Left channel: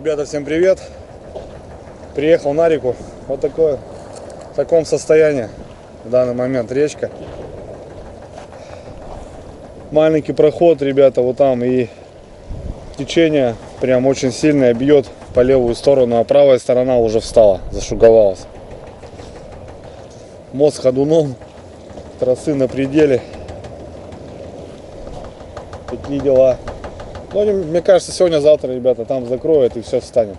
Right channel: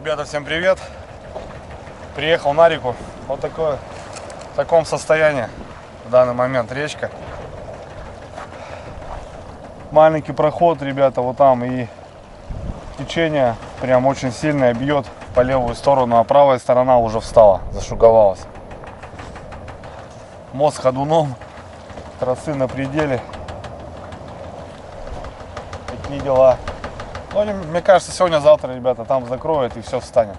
Ребята, всем привет! Приехал на реку. Вот такое, в таком состоянии в данный момент речка. Маленький проход, ребята, вот там, и течение прям очень сильное бьет по левую сторону, а правая сторона уже встала, зашуговалась. Мост ходуном, тросы на пределе. Такие дела. Ну, мне кажется, сегодня-завтра, ребята, там закроют и все встанет.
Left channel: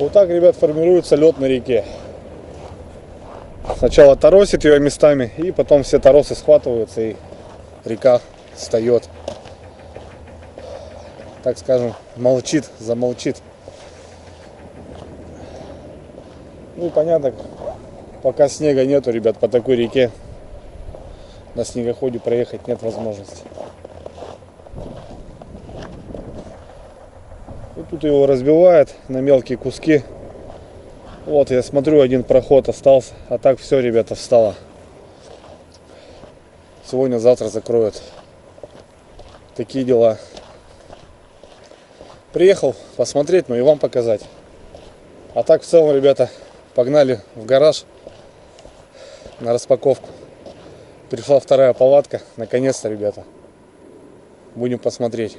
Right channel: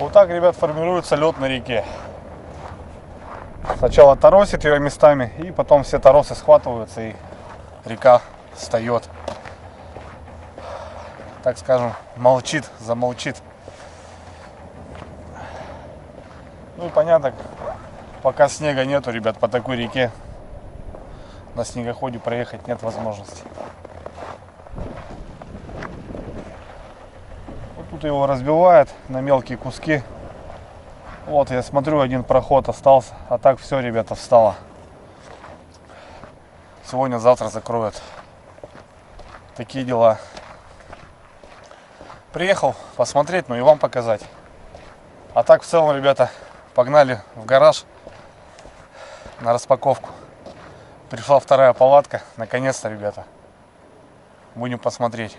Вот так, ребят, формируется лед на реке. Сначала торосит ее местами, и потом все торосы схватываются, и река встает. Так скажем, молчит, замолчит. Ну и понятно, пока снега нету, ребят, по такой реке на снегоходе проехать нет возможности. Вот тут его разбивает на мелкие куски. Вот, я смотрю, один проход остался. А так все, ребята, встало. Сегодня-завтра закроют. Такие дела. Приехал посмотреть, ну и вам показать. А так, в целом, ребята, погнали в гараж на распаковку. Пришла вторая палатка. Наконец-то, ребята. Будем посмотреть.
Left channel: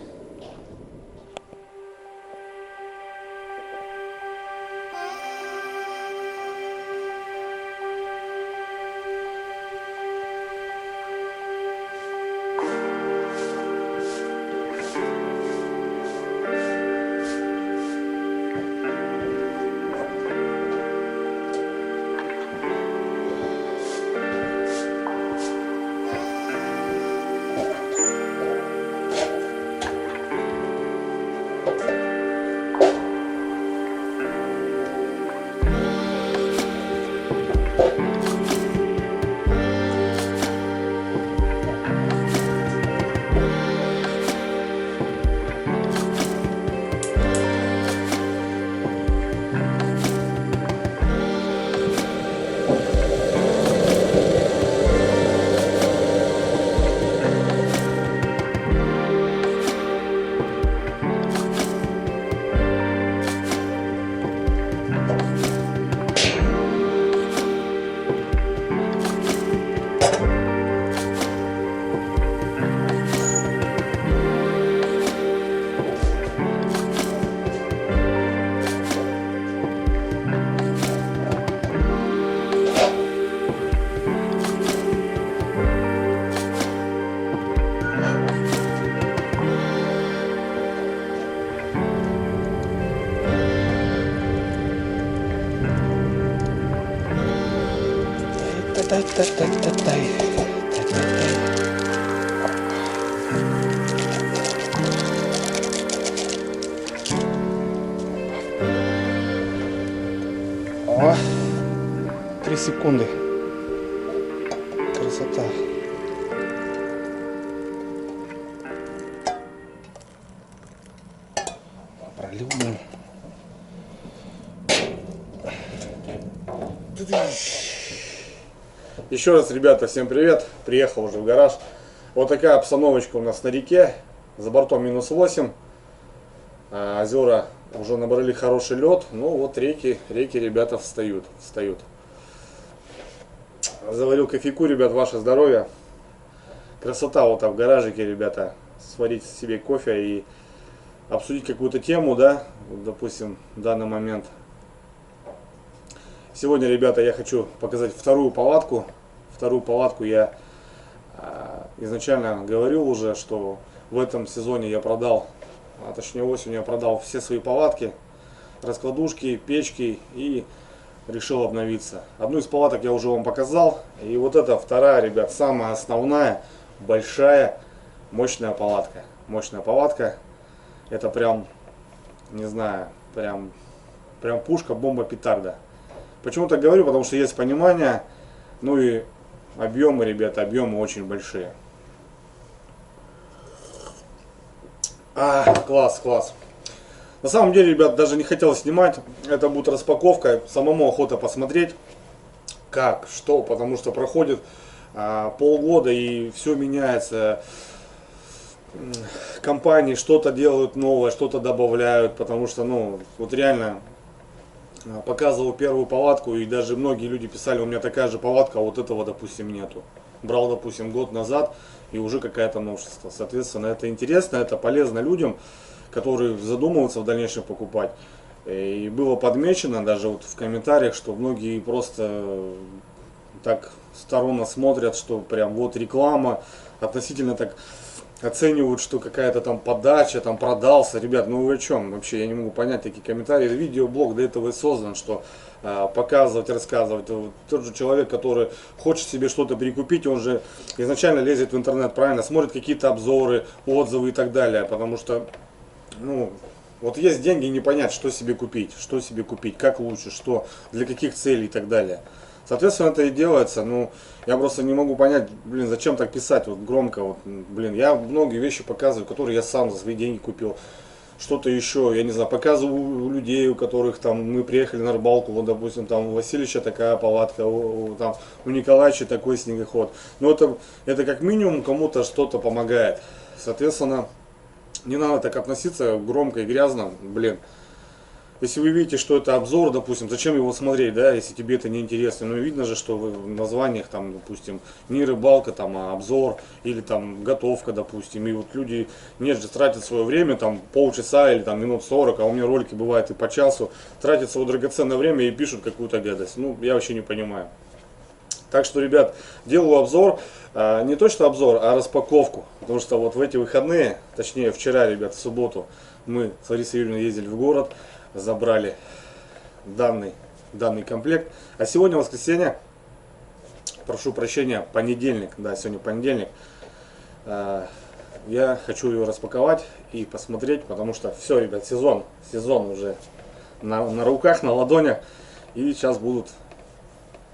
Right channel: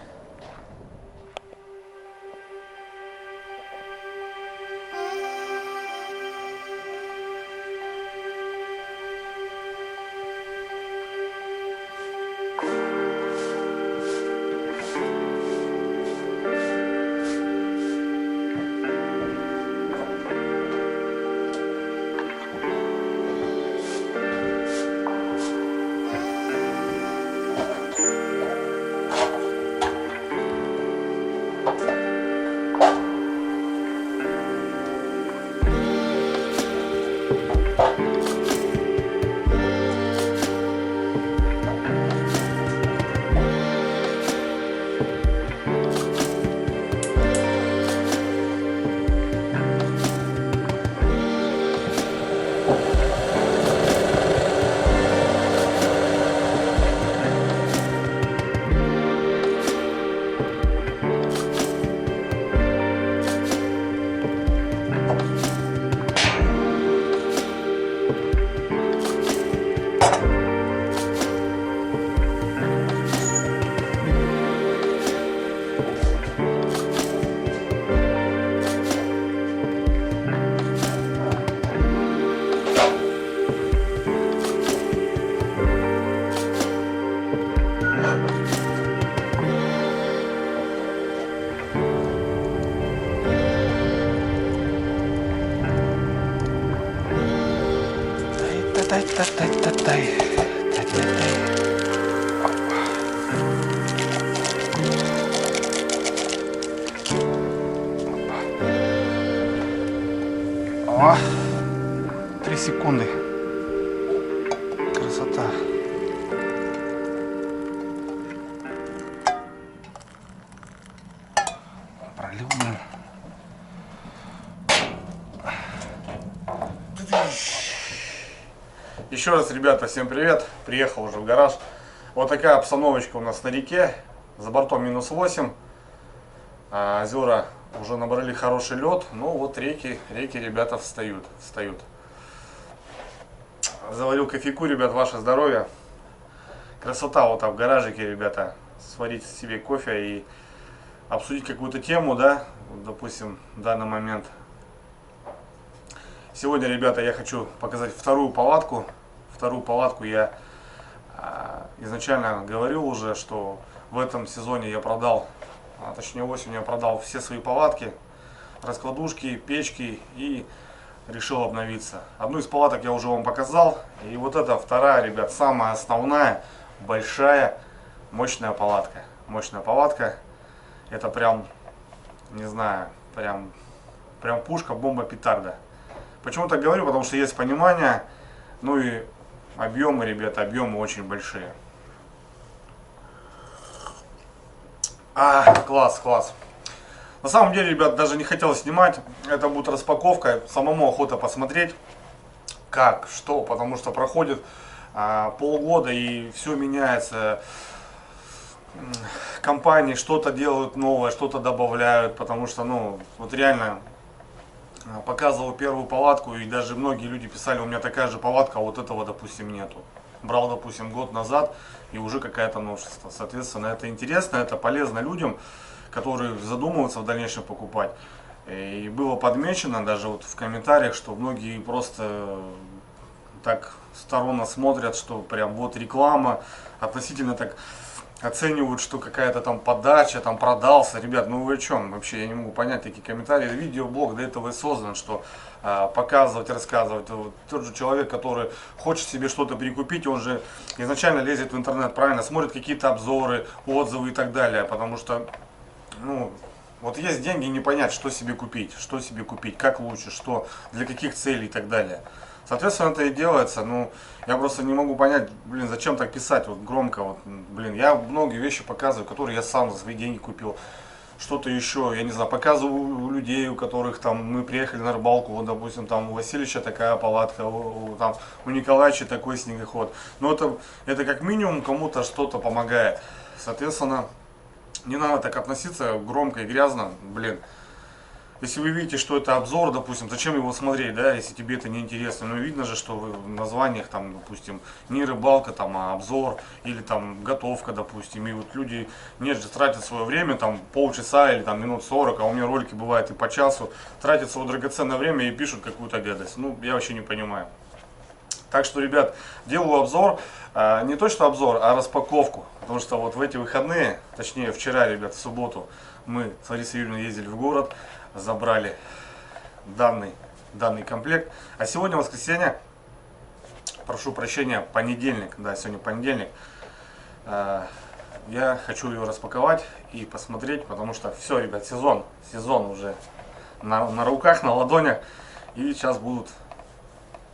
О, 3 секунды. Красота. Пролил, блин. Еще раз, ребята, всем привет. Приехал уже в гараж. Вот такая обстановочка у нас на реке. За бортом -8. А озера уже набрали хороший лед. Ну вот реки, ребята, встают. Заварил кофейку, ребят, ваше здоровье. Красота вот там в гаражике, ребята. Сварить себе кофе и обсудить какую-то тему, да, вот, допустим, в данный момент. Сегодня, ребята, я хочу показать вторую палатку. Вторую палатку я изначально говорил уже, что в этом сезоне я продал, точнее осенью я продал все свои палатки, раскладушки, печки и решил обновиться. Одну из палаток я уже вам показал. И вот эта вторая, ребят, самая основная, большая, мощная палатка. Мощная палатка. Это прям, не знаю, прям пушка, бомба, петарда. Почему так говорю? Потому что есть понимание. Ну и объемы, ребята, объемы очень большие. Класс. На самом деле, ребят, даже не хотел снимать. Это будет распаковка. Самому охота посмотреть, как, что. Потому что проходит полгода и все меняется. компании что-то делают новое, что-то добавляют, потому что, ну, вот реально показывал первую палатку, и даже многие люди писали, у меня такая же палатка, а вот этого, допустим, нету. Брал, допустим, год назад, и уже какая-то новшество. Соответственно, это интересно, это полезно людям, которые задумываются в дальнейшем покупать. И было подмечено даже вот в комментариях, что многие просто так сторонно смотрят, что прям вот реклама, относительно так оценивают, что какая-то там подача, там продался. Ребят, ну вы о чем? Вообще я не могу понять такие комментарии. Видеоблог для этого и создан, что показывать, рассказывать. Вот тот же человек, который хочет себе что-то перекупить, он же изначально лезет в интернет, правильно, смотрит какие-то обзоры, отзывы и так далее. Потому что, ну, вот есть деньги, не понять, что себе купить, как лучше, что, для каких целей и так далее. Соответственно, это и делается. Ну, я просто не могу понять, блин, зачем так писать вот громко. Вот, блин, я многие вещи показываю, которые я сам за свои деньги купил. Что-то еще, я не знаю, показываю у людей, у которых там мы приехали на рыбалку, вот, допустим, там у Васильевича такая палатка, там у Николаевича такой снегоход. Но это как минимум кому-то что-то помогает. Соответственно, не надо так относиться громко и грязно, блин. Если вы видите, что это обзор, допустим, зачем его смотреть, да, если тебе это не интересно. Ну, видно же, что в названиях, там, допустим, не рыбалка, там, а обзор, или там готовка, допустим. И вот люди, нет же, тратят свое время, там, полчаса или там минут 40, а у меня ролики бывают и по часу, тратят свое драгоценное время и пишут какую-то гадость. Ну, я вообще не понимаю. Так что, ребят, делаю обзор, не точно обзор, а распаковку. Потому что вот в эти выходные, точнее вчера, ребят, в субботу, мы с Ларисой Юрьевной ездили в город, забрали данный комплект. А сегодня воскресенье, прошу прощения, понедельник, да, сегодня понедельник. Я хочу ее распаковать и посмотреть, потому что все, ребят, сезон уже на руках, на ладонях. И сейчас будут,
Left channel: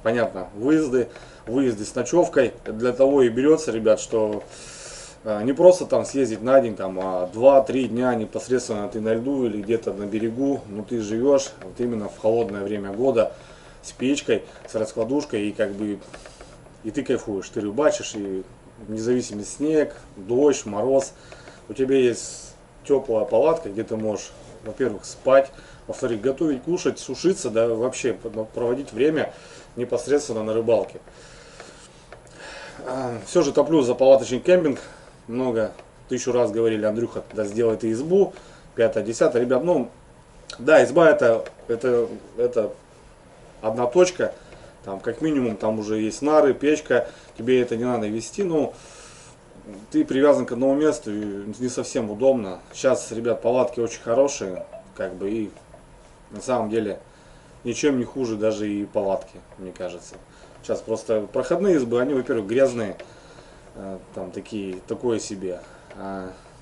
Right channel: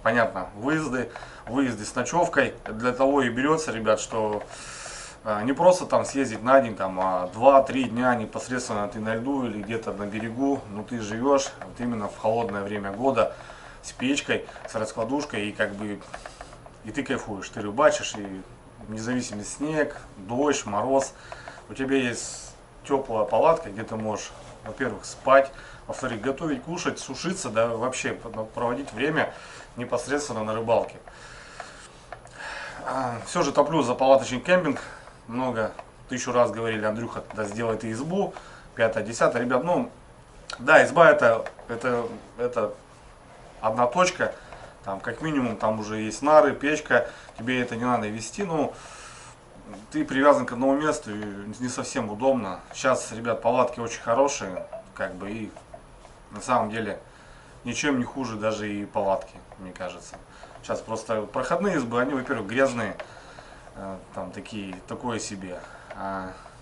понятно, выезды с ночевкой. Для того и берется, ребят, что не просто там съездить на день, там, а 2-3 дня непосредственно ты на льду или где-то на берегу, но ты живешь вот именно в холодное время года с печкой, с раскладушкой, и как бы и ты кайфуешь, ты рыбачишь, и независимо снег, дождь, мороз, у тебя есть теплая палатка, где ты можешь, во-первых, спать, во-вторых, готовить, кушать, сушиться, да, вообще проводить время непосредственно на рыбалке. Все же топлю за палаточный кемпинг. Тысячу раз говорили, Андрюха, тогда сделай ты избу, 5-10, ребят, ну, да, изба это одна точка, там, как минимум, там уже есть нары, печка, тебе это не надо вести, ну, ты привязан к одному месту, и не совсем удобно. Сейчас, ребят, палатки очень хорошие, как бы, и на самом деле ничем не хуже даже и палатки, мне кажется. Сейчас просто проходные избы, они, во-первых, грязные, там такое себе.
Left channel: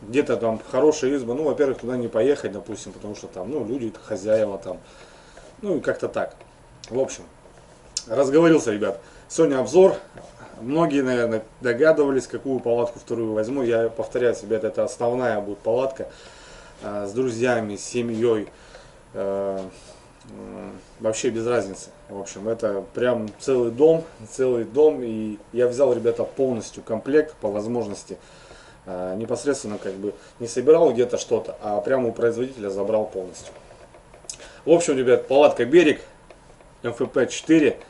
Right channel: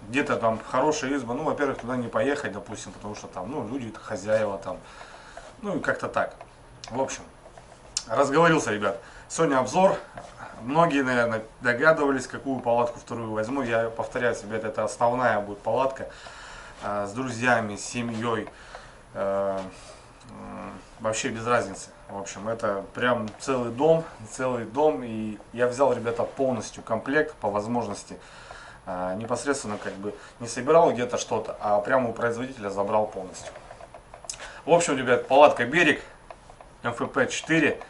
Где-то там хорошая изба, ну, во-первых, туда не поехать, допустим, потому что там, ну, люди, хозяева там, ну, и как-то так. В общем, разговорился, ребят. Сегодня обзор. Многие, наверное, догадывались, какую палатку вторую возьму. Я повторяю, ребят, это основная будет палатка с друзьями, с семьей. Вообще без разницы. В общем, это прям целый дом, и я взял, ребята, полностью комплект по возможности. Непосредственно как бы не собирал где-то что-то, а прямо у производителя забрал полностью. В общем, ребят, палатка «Берег», МФП 4,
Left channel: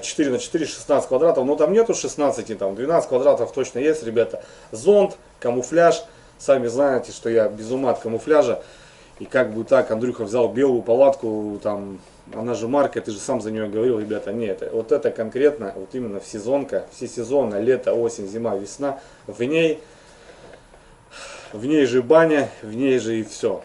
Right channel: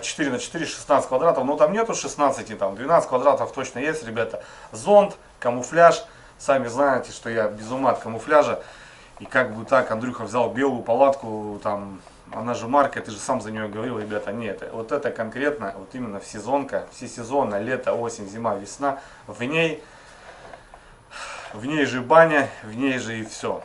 4 на 4, 16 квадратов, но там нету 16, там 12 квадратов точно есть, ребята. Зонт, камуфляж, сами знаете, что я без ума от камуфляжа. И как бы так, Андрюха взял белую палатку, там, она же марка, ты же сам за нее говорил, ребята, нет, вот это конкретно, вот именно всесезонка, всесезонно, лето, осень, зима, весна, в ней же баня, в ней же и все.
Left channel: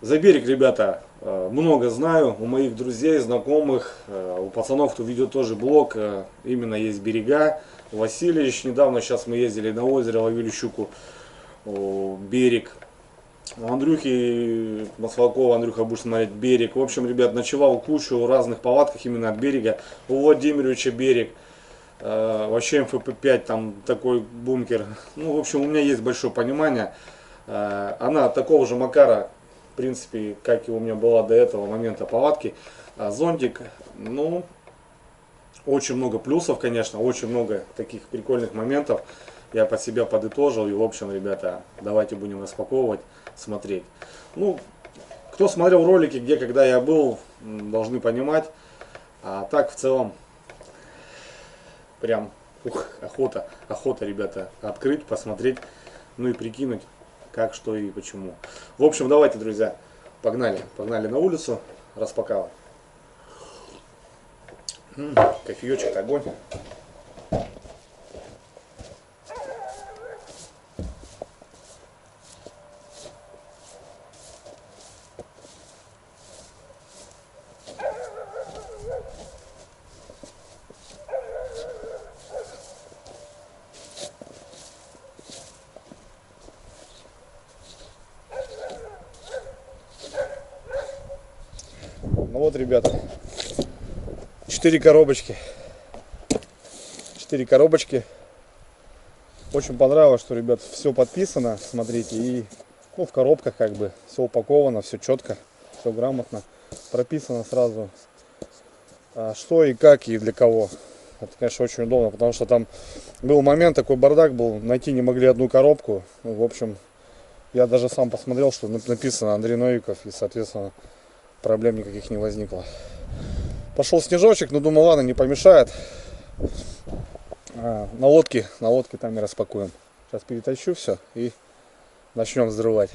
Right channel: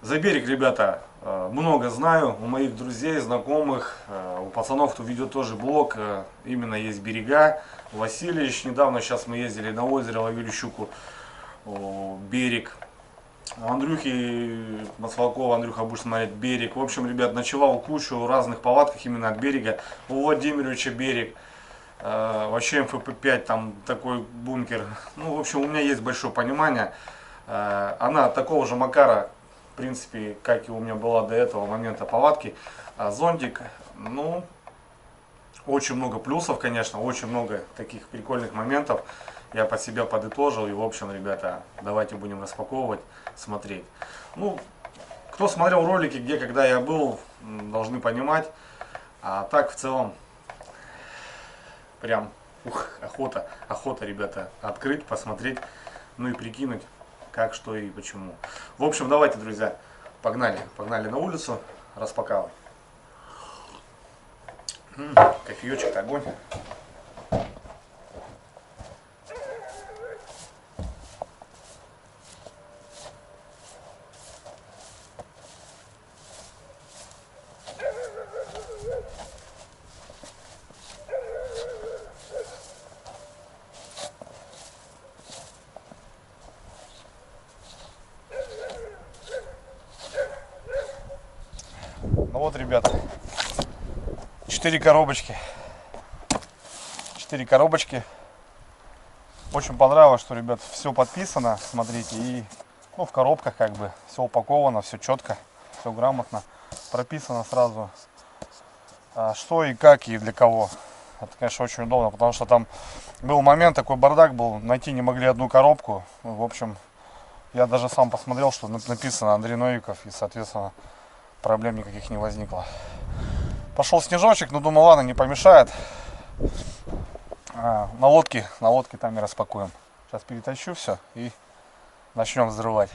За «Берег», ребята, много знаю, у моих друзей, знакомых, у пацанов, кто ведет тоже блог, именно есть берега. Васильевич, недавно, сейчас мы ездили на озеро, ловили щуку, «Берег». У Андрюхи Маслакова, Андрюха будешь смотреть «Берег». В общем, ребят, ночевал кучу разных палатках именно от «Берега». У Владимировича «Берег». Вообще МФП-5, там такой бункер. Ну, в общем, у меня есть большое понимание. Она такого же макара, в принципе, как и у меня была до этого момента палатки. Зонтик, ну, очень много плюсов, конечно, очень много таких прикольных моментов. я под себя подытожил. И, в общем, ребята, давайте будем распаковывать, смотреть. Ну, кто смотрел ролики, где, когда я был, должны понимать. А так, в целом, прям охота, ребята, открыть, посмотреть, ну и прикинуть, как, что и почему. В общем, давайте, друзья, погнали на улицу распаковывать. Кофеечек, огонь. Ну вот, ребята, 4 коробочки. 4 коробочки. Очень понравилось, что, ребят, все подписано, смотрите, и ну, в коробках как бы все упаковано, все четко, все грамотно, прописано сразу, что и как и для кого. Это, конечно, очень удобно, потому что там был момент, такой бардак был, найти не могли одну коробку. В общем, я даже сам посмотрел, что написано Андрей Новиков, и, соответственно, проблем никаких не возникло. Пошел снежочек, но думаю, ладно, не помешает. На лодке там и распакуем. Сейчас перетащу все и начнем взрывать.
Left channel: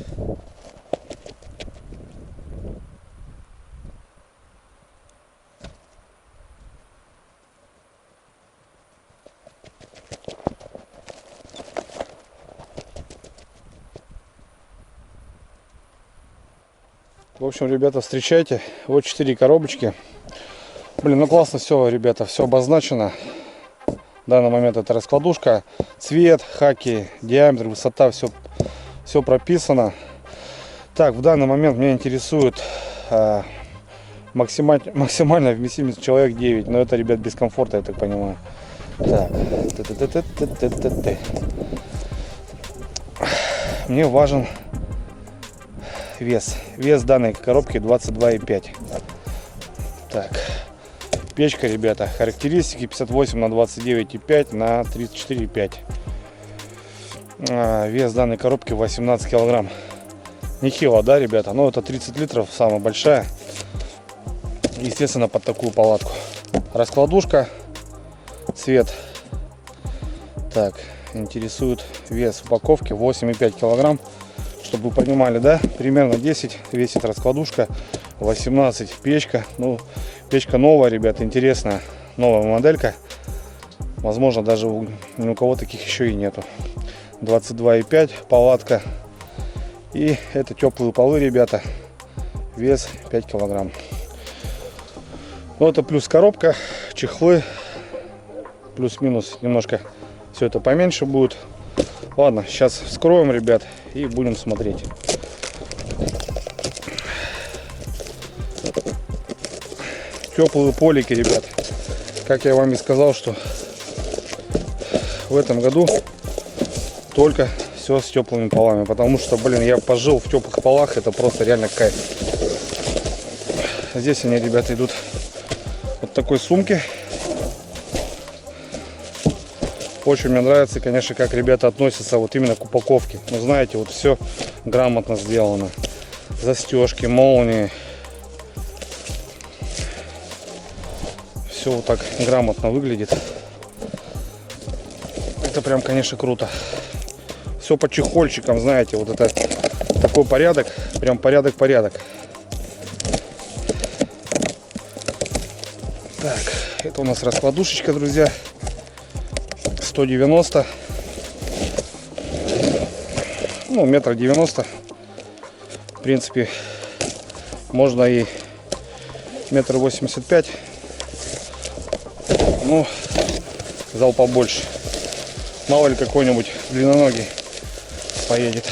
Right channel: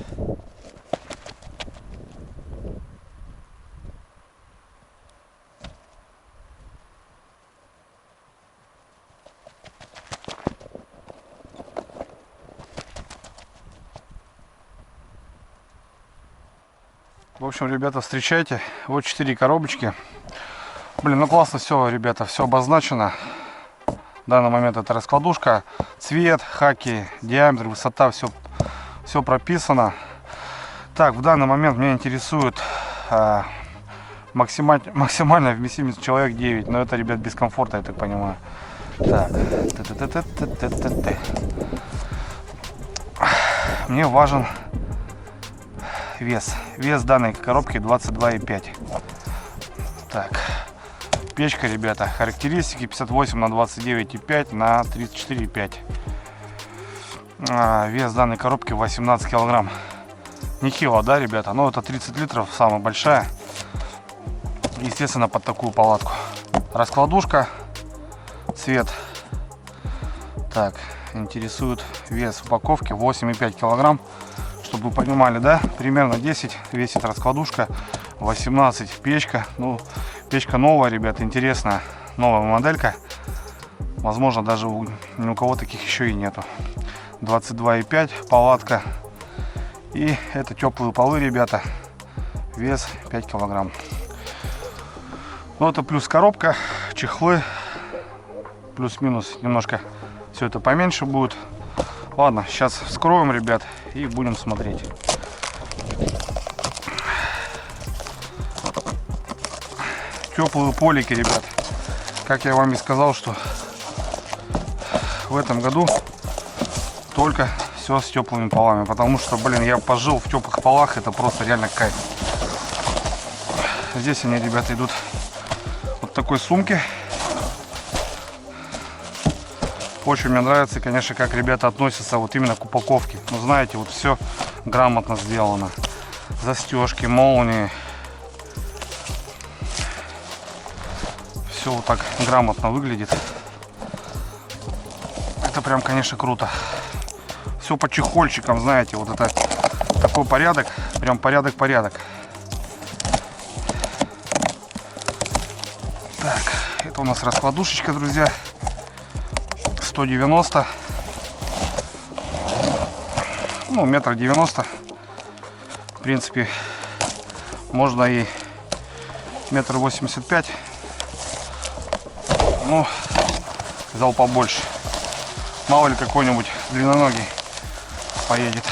В общем, ребята, встречайте. Вот 4 коробочки. Блин, ну классно все, ребята, все обозначено. В данный момент это раскладушка, цвет, хаки, диаметр, высота, все прописано. Так, в данный момент меня интересует максимальная вместимость человек 9. Но это, ребят, без комфорта, я так понимаю. Так, мне важен вес. Вес данной коробки 22,5. Так. Печка, ребята, характеристики 58 на 29,5 на 34,5. Вес данной коробки 18 килограмм. Нехило, да, ребята? Но это 30 литров, самая большая. Естественно, под такую палатку. Раскладушка, цвет. Так, интересует вес упаковки 8,5 килограмм. Чтобы вы понимали, да, примерно 10 весит раскладушка, 18 печка. Ну, печка новая, ребята, интересная, новая моделька. Возможно, даже ни у кого таких еще и нету. 22,5 палатка. И это теплые полы, ребята. Вес 5 килограмм. Ну, это плюс коробка, чехлы. Плюс-минус немножко все это поменьше будет. Ладно, сейчас вскроем, ребят, и будем смотреть. Теплые полики, ребят. Как я вам и сказал, что в этом году только все с теплыми полами. Потому что, блин, я пожил в теплых полах. Это просто реально кайф. Здесь они, ребята, идут вот такой сумки. Очень мне нравится, конечно, как ребята относятся вот именно к упаковке. Ну, знаете, вот все грамотно сделано. Застежки, молнии. Все вот так грамотно выглядит. Это прям, конечно, круто. Все по чехольчикам, знаете, вот это такой порядок. Прям порядок. Так, это у нас раскладушечка, друзья. 190, ну, 1,90 м. В принципе, можно и 1,85 м. Ну, взял побольше. Мало ли какой-нибудь длинноногий поедет.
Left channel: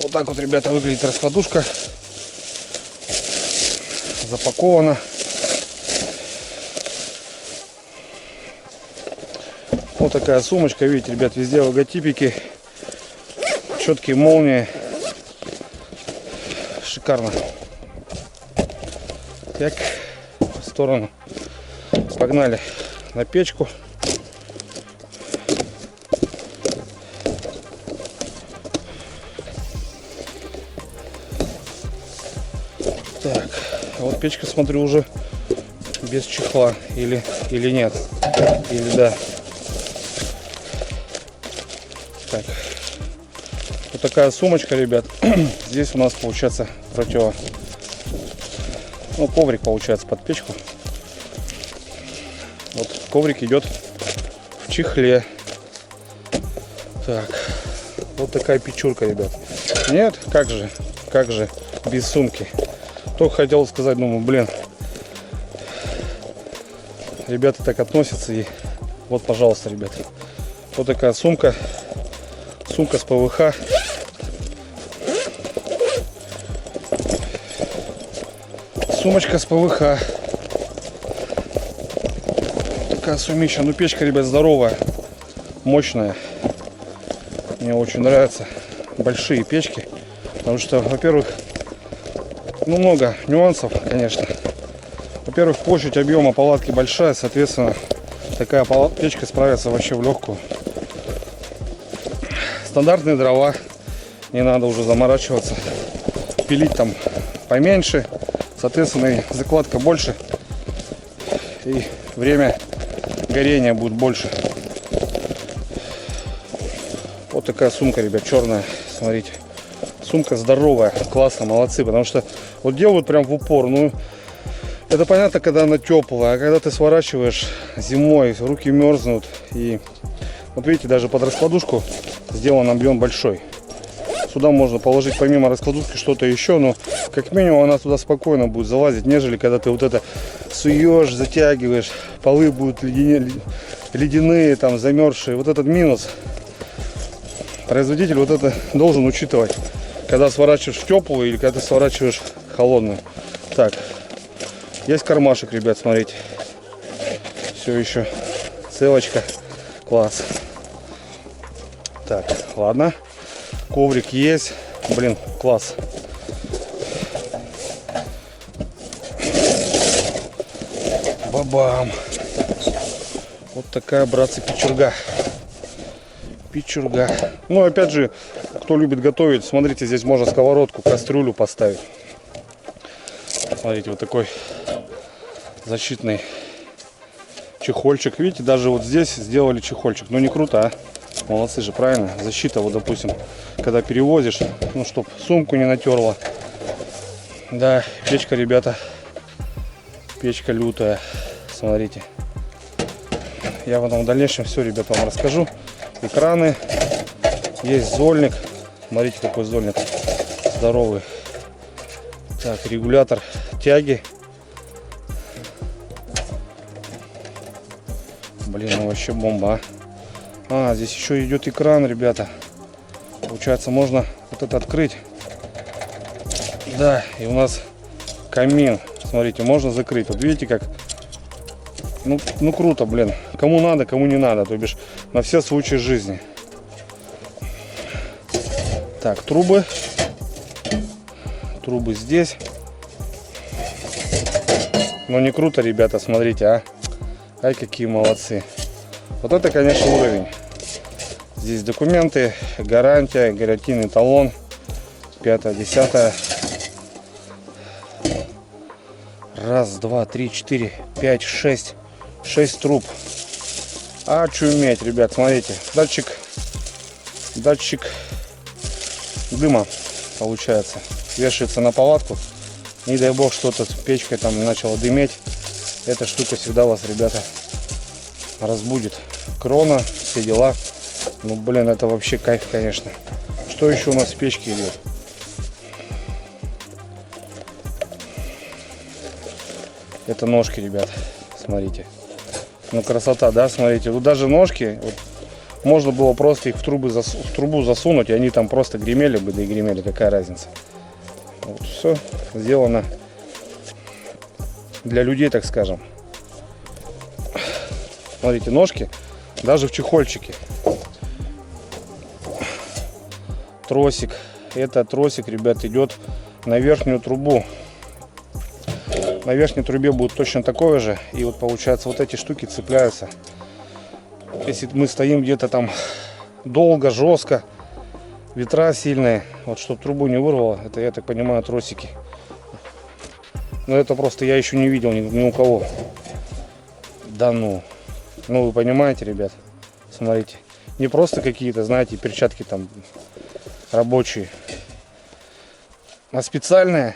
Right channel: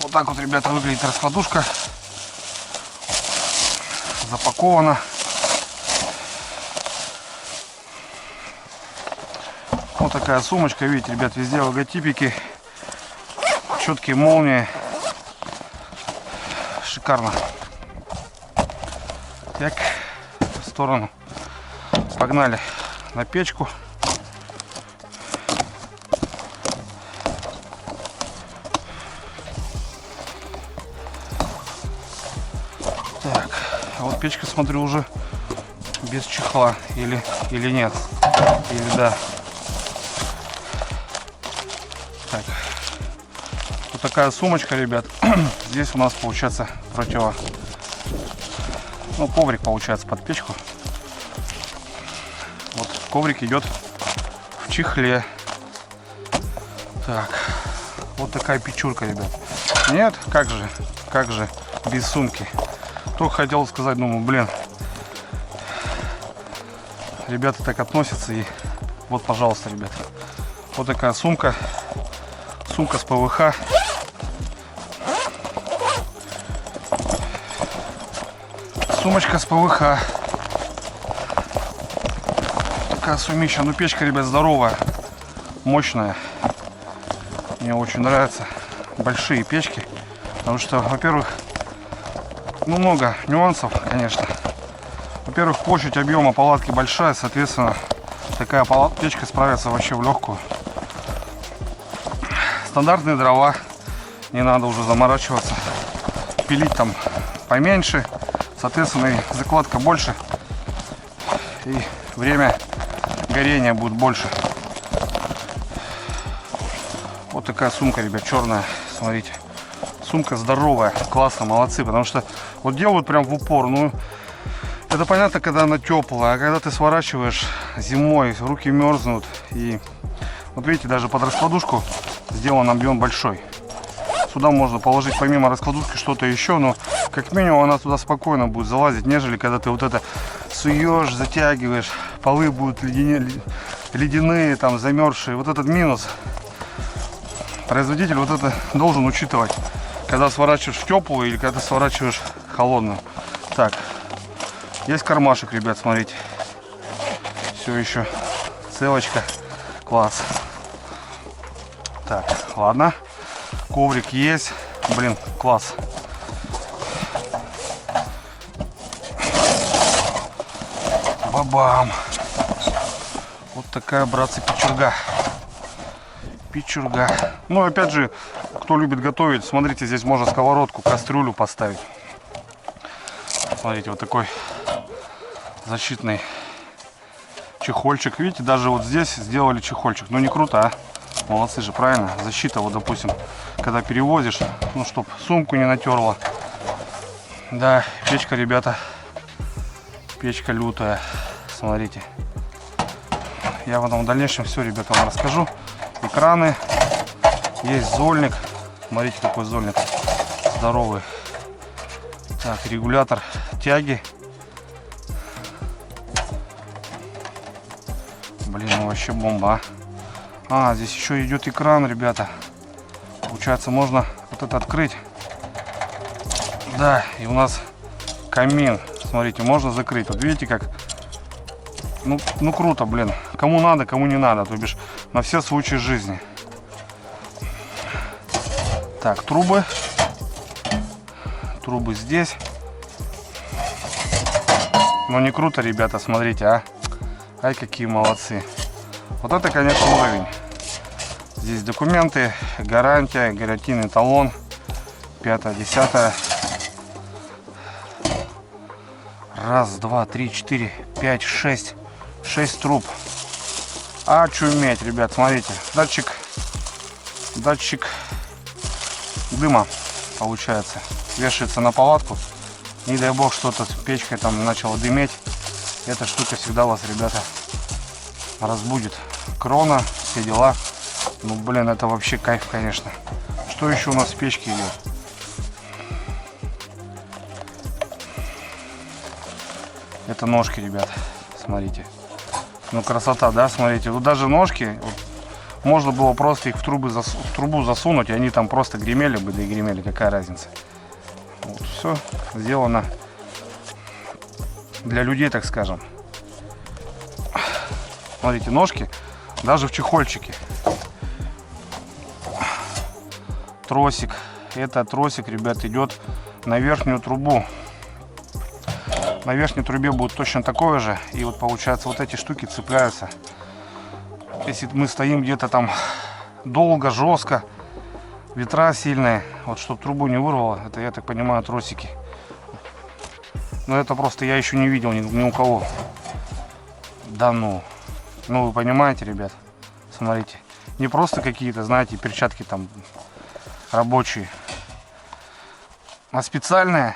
Вот так вот, ребята, выглядит раскладушка. Запакована. Вот такая сумочка, видите, ребят, везде логотипики, четкие молнии, шикарно. Так, в сторону, погнали на печку. Так, вот печка, смотрю, уже без чехла. Или нет. Или да. Так. Вот такая сумочка, ребят. Здесь у нас получается ну, коврик получается под печку. Вот коврик идет в чехле. Так. Вот такая печурка, ребят. Нет, как же без сумки. Только хотел сказать, думаю, блин, ребята так относятся. И вот, пожалуйста, ребят, вот такая сумка с ПВХ. Сумочка с ПВХ. Такая сумища. Ну, печка, ребят, здоровая, мощная. Мне очень нравятся большие печки, потому что, во-первых, ну, много нюансов, конечно. Во-первых, площадь объема палатки большая, соответственно, такая печка справится вообще в легкую. Стандартные дрова, не надо уже заморачиваться, пилить там поменьше, соответственно, и закладка больше, и время горения будет больше. Вот такая сумка, ребят, черная, смотрите. Сумка здоровая, классно, молодцы, потому что вот делают прям в упор. Ну, это понятно, когда она теплая, а когда ты сворачиваешь зимой, руки мерзнут. И вот видите, даже под раскладушку сделан объем большой. Сюда можно положить помимо раскладушки что-то еще, но как минимум она туда спокойно будет залазить, нежели когда ты вот это суешь, затягиваешь, полы будут ледяные, там замерзшие. Вот этот минус производитель вот это должен учитывать, когда сворачиваешь в теплую или когда сворачиваешь холодную. Так, есть кармашек, ребят, смотрите. Все еще целочка. Класс. Так, ладно. Коврик есть. Блин, класс. Бабам. Вот такая, братцы, печурга. Печурга. Ну, опять же, кто любит готовить, смотрите, здесь можно сковородку, кастрюлю поставить. Смотрите, вот такой защитный чехольчик. Видите, даже вот здесь сделали чехольчик. Ну, не круто, а? Молодцы же, правильно? Защита, вот, допустим, когда перевозишь, ну, чтоб сумку не натерла. Да, печка, ребята, печка лютая. Смотрите. Я потом в дальнейшем все, ребята, вам расскажу. Экраны. Есть зольник. Смотрите, какой зольник. Здоровый. Так, регулятор тяги. Блин, ну вообще бомба, а. Здесь еще идет экран, ребята. Получается, можно вот это открыть. Да, и у нас камин. Смотрите, можно закрыть. Вот видите, как... Ну круто, блин. Кому надо, кому не надо. То бишь, на все случаи жизни. Так, трубы. Трубы здесь. Ну не круто, ребята, смотрите, а. Ай, какие молодцы. Вот это, конечно, уровень. Здесь документы, гарантия, гарантийный талон. 5-е, 10-е. Раз, два, три, 4, 5, 6. 6 труб. Очуметь, ребят, смотрите. Датчик дыма, получается. Вешается на палатку. Не дай бог, что-то с печкой там начало дыметь. Эта штука всегда вас, ребята, разбудит. Крона, все дела. Ну, блин, это вообще кайф, конечно. Что еще у нас в печке идет? Это ножки, ребят. Смотрите. Ну, красота, да? Смотрите. Вот даже ножки, вот, можно было просто их в трубу засунуть, и они там просто гремели бы, да и гремели. Какая разница? Вот, все сделано для людей, так скажем. Смотрите, ножки даже в чехольчике. Тросик. Это тросик, ребят, идет на верхнюю трубу. На верхней трубе будет точно такое же. И вот получается, вот эти штуки цепляются. Если мы стоим где-то там долго, жестко, ветра сильные, вот чтобы трубу не вырвало, это, я так понимаю, тросики. Но это просто я еще не видел ни у кого. Да ну. Ну вы понимаете, ребят. Смотрите. Не просто какие-то, знаете, перчатки там рабочие. А специальные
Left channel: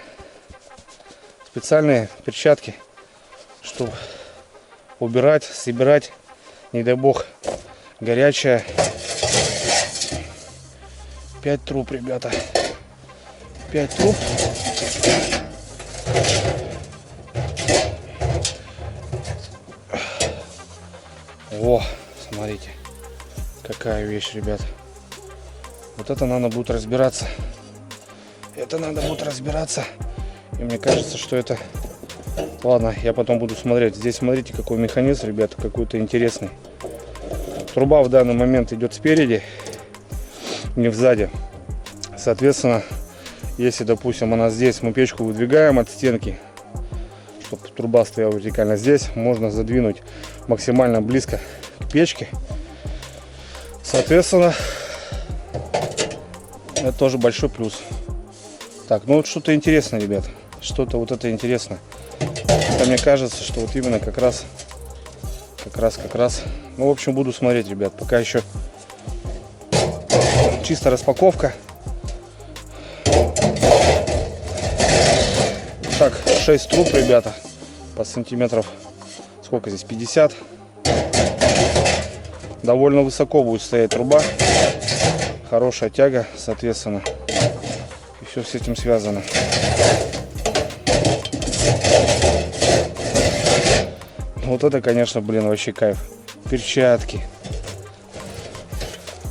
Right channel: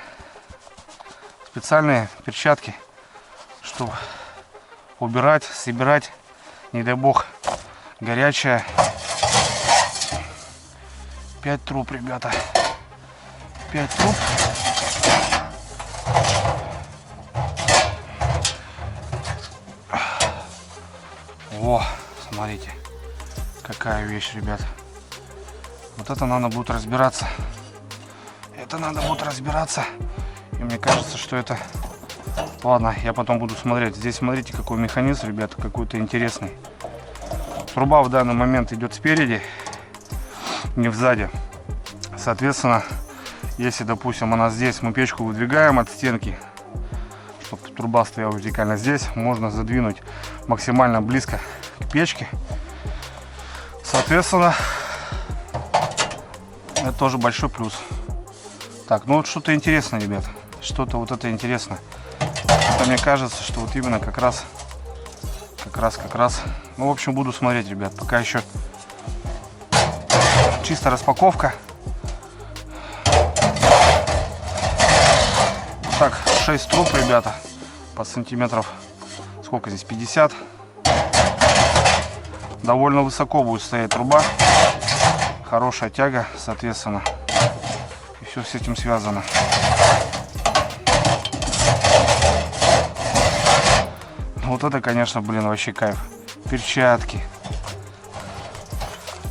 перчатки, чтобы убирать, собирать, не дай бог, горячая. 5 труб, ребята. 5 труб. О, смотрите, какая вещь, ребят. Вот это надо будет разбираться. Это надо будет разбираться. И мне кажется, что это... Ладно, я потом буду смотреть. Здесь смотрите, какой механизм, ребят, какой-то интересный. Труба в данный момент идет спереди, не сзади. Соответственно, если, допустим, она здесь, мы печку выдвигаем от стенки, чтобы труба стояла вертикально здесь, можно задвинуть максимально близко к печке. Соответственно, это тоже большой плюс. Так, ну вот что-то интересное, ребят. Что-то вот это интересно. Это мне кажется, что вот именно как раз. Ну, в общем, буду смотреть, ребят. Пока еще чисто распаковка. Так, 6 труб, ребята. По сантиметров. Сколько здесь? 50. Довольно высоко будет стоять труба. Хорошая тяга, соответственно. И все с этим связано. Вот это, конечно, блин, вообще кайф. Перчатки.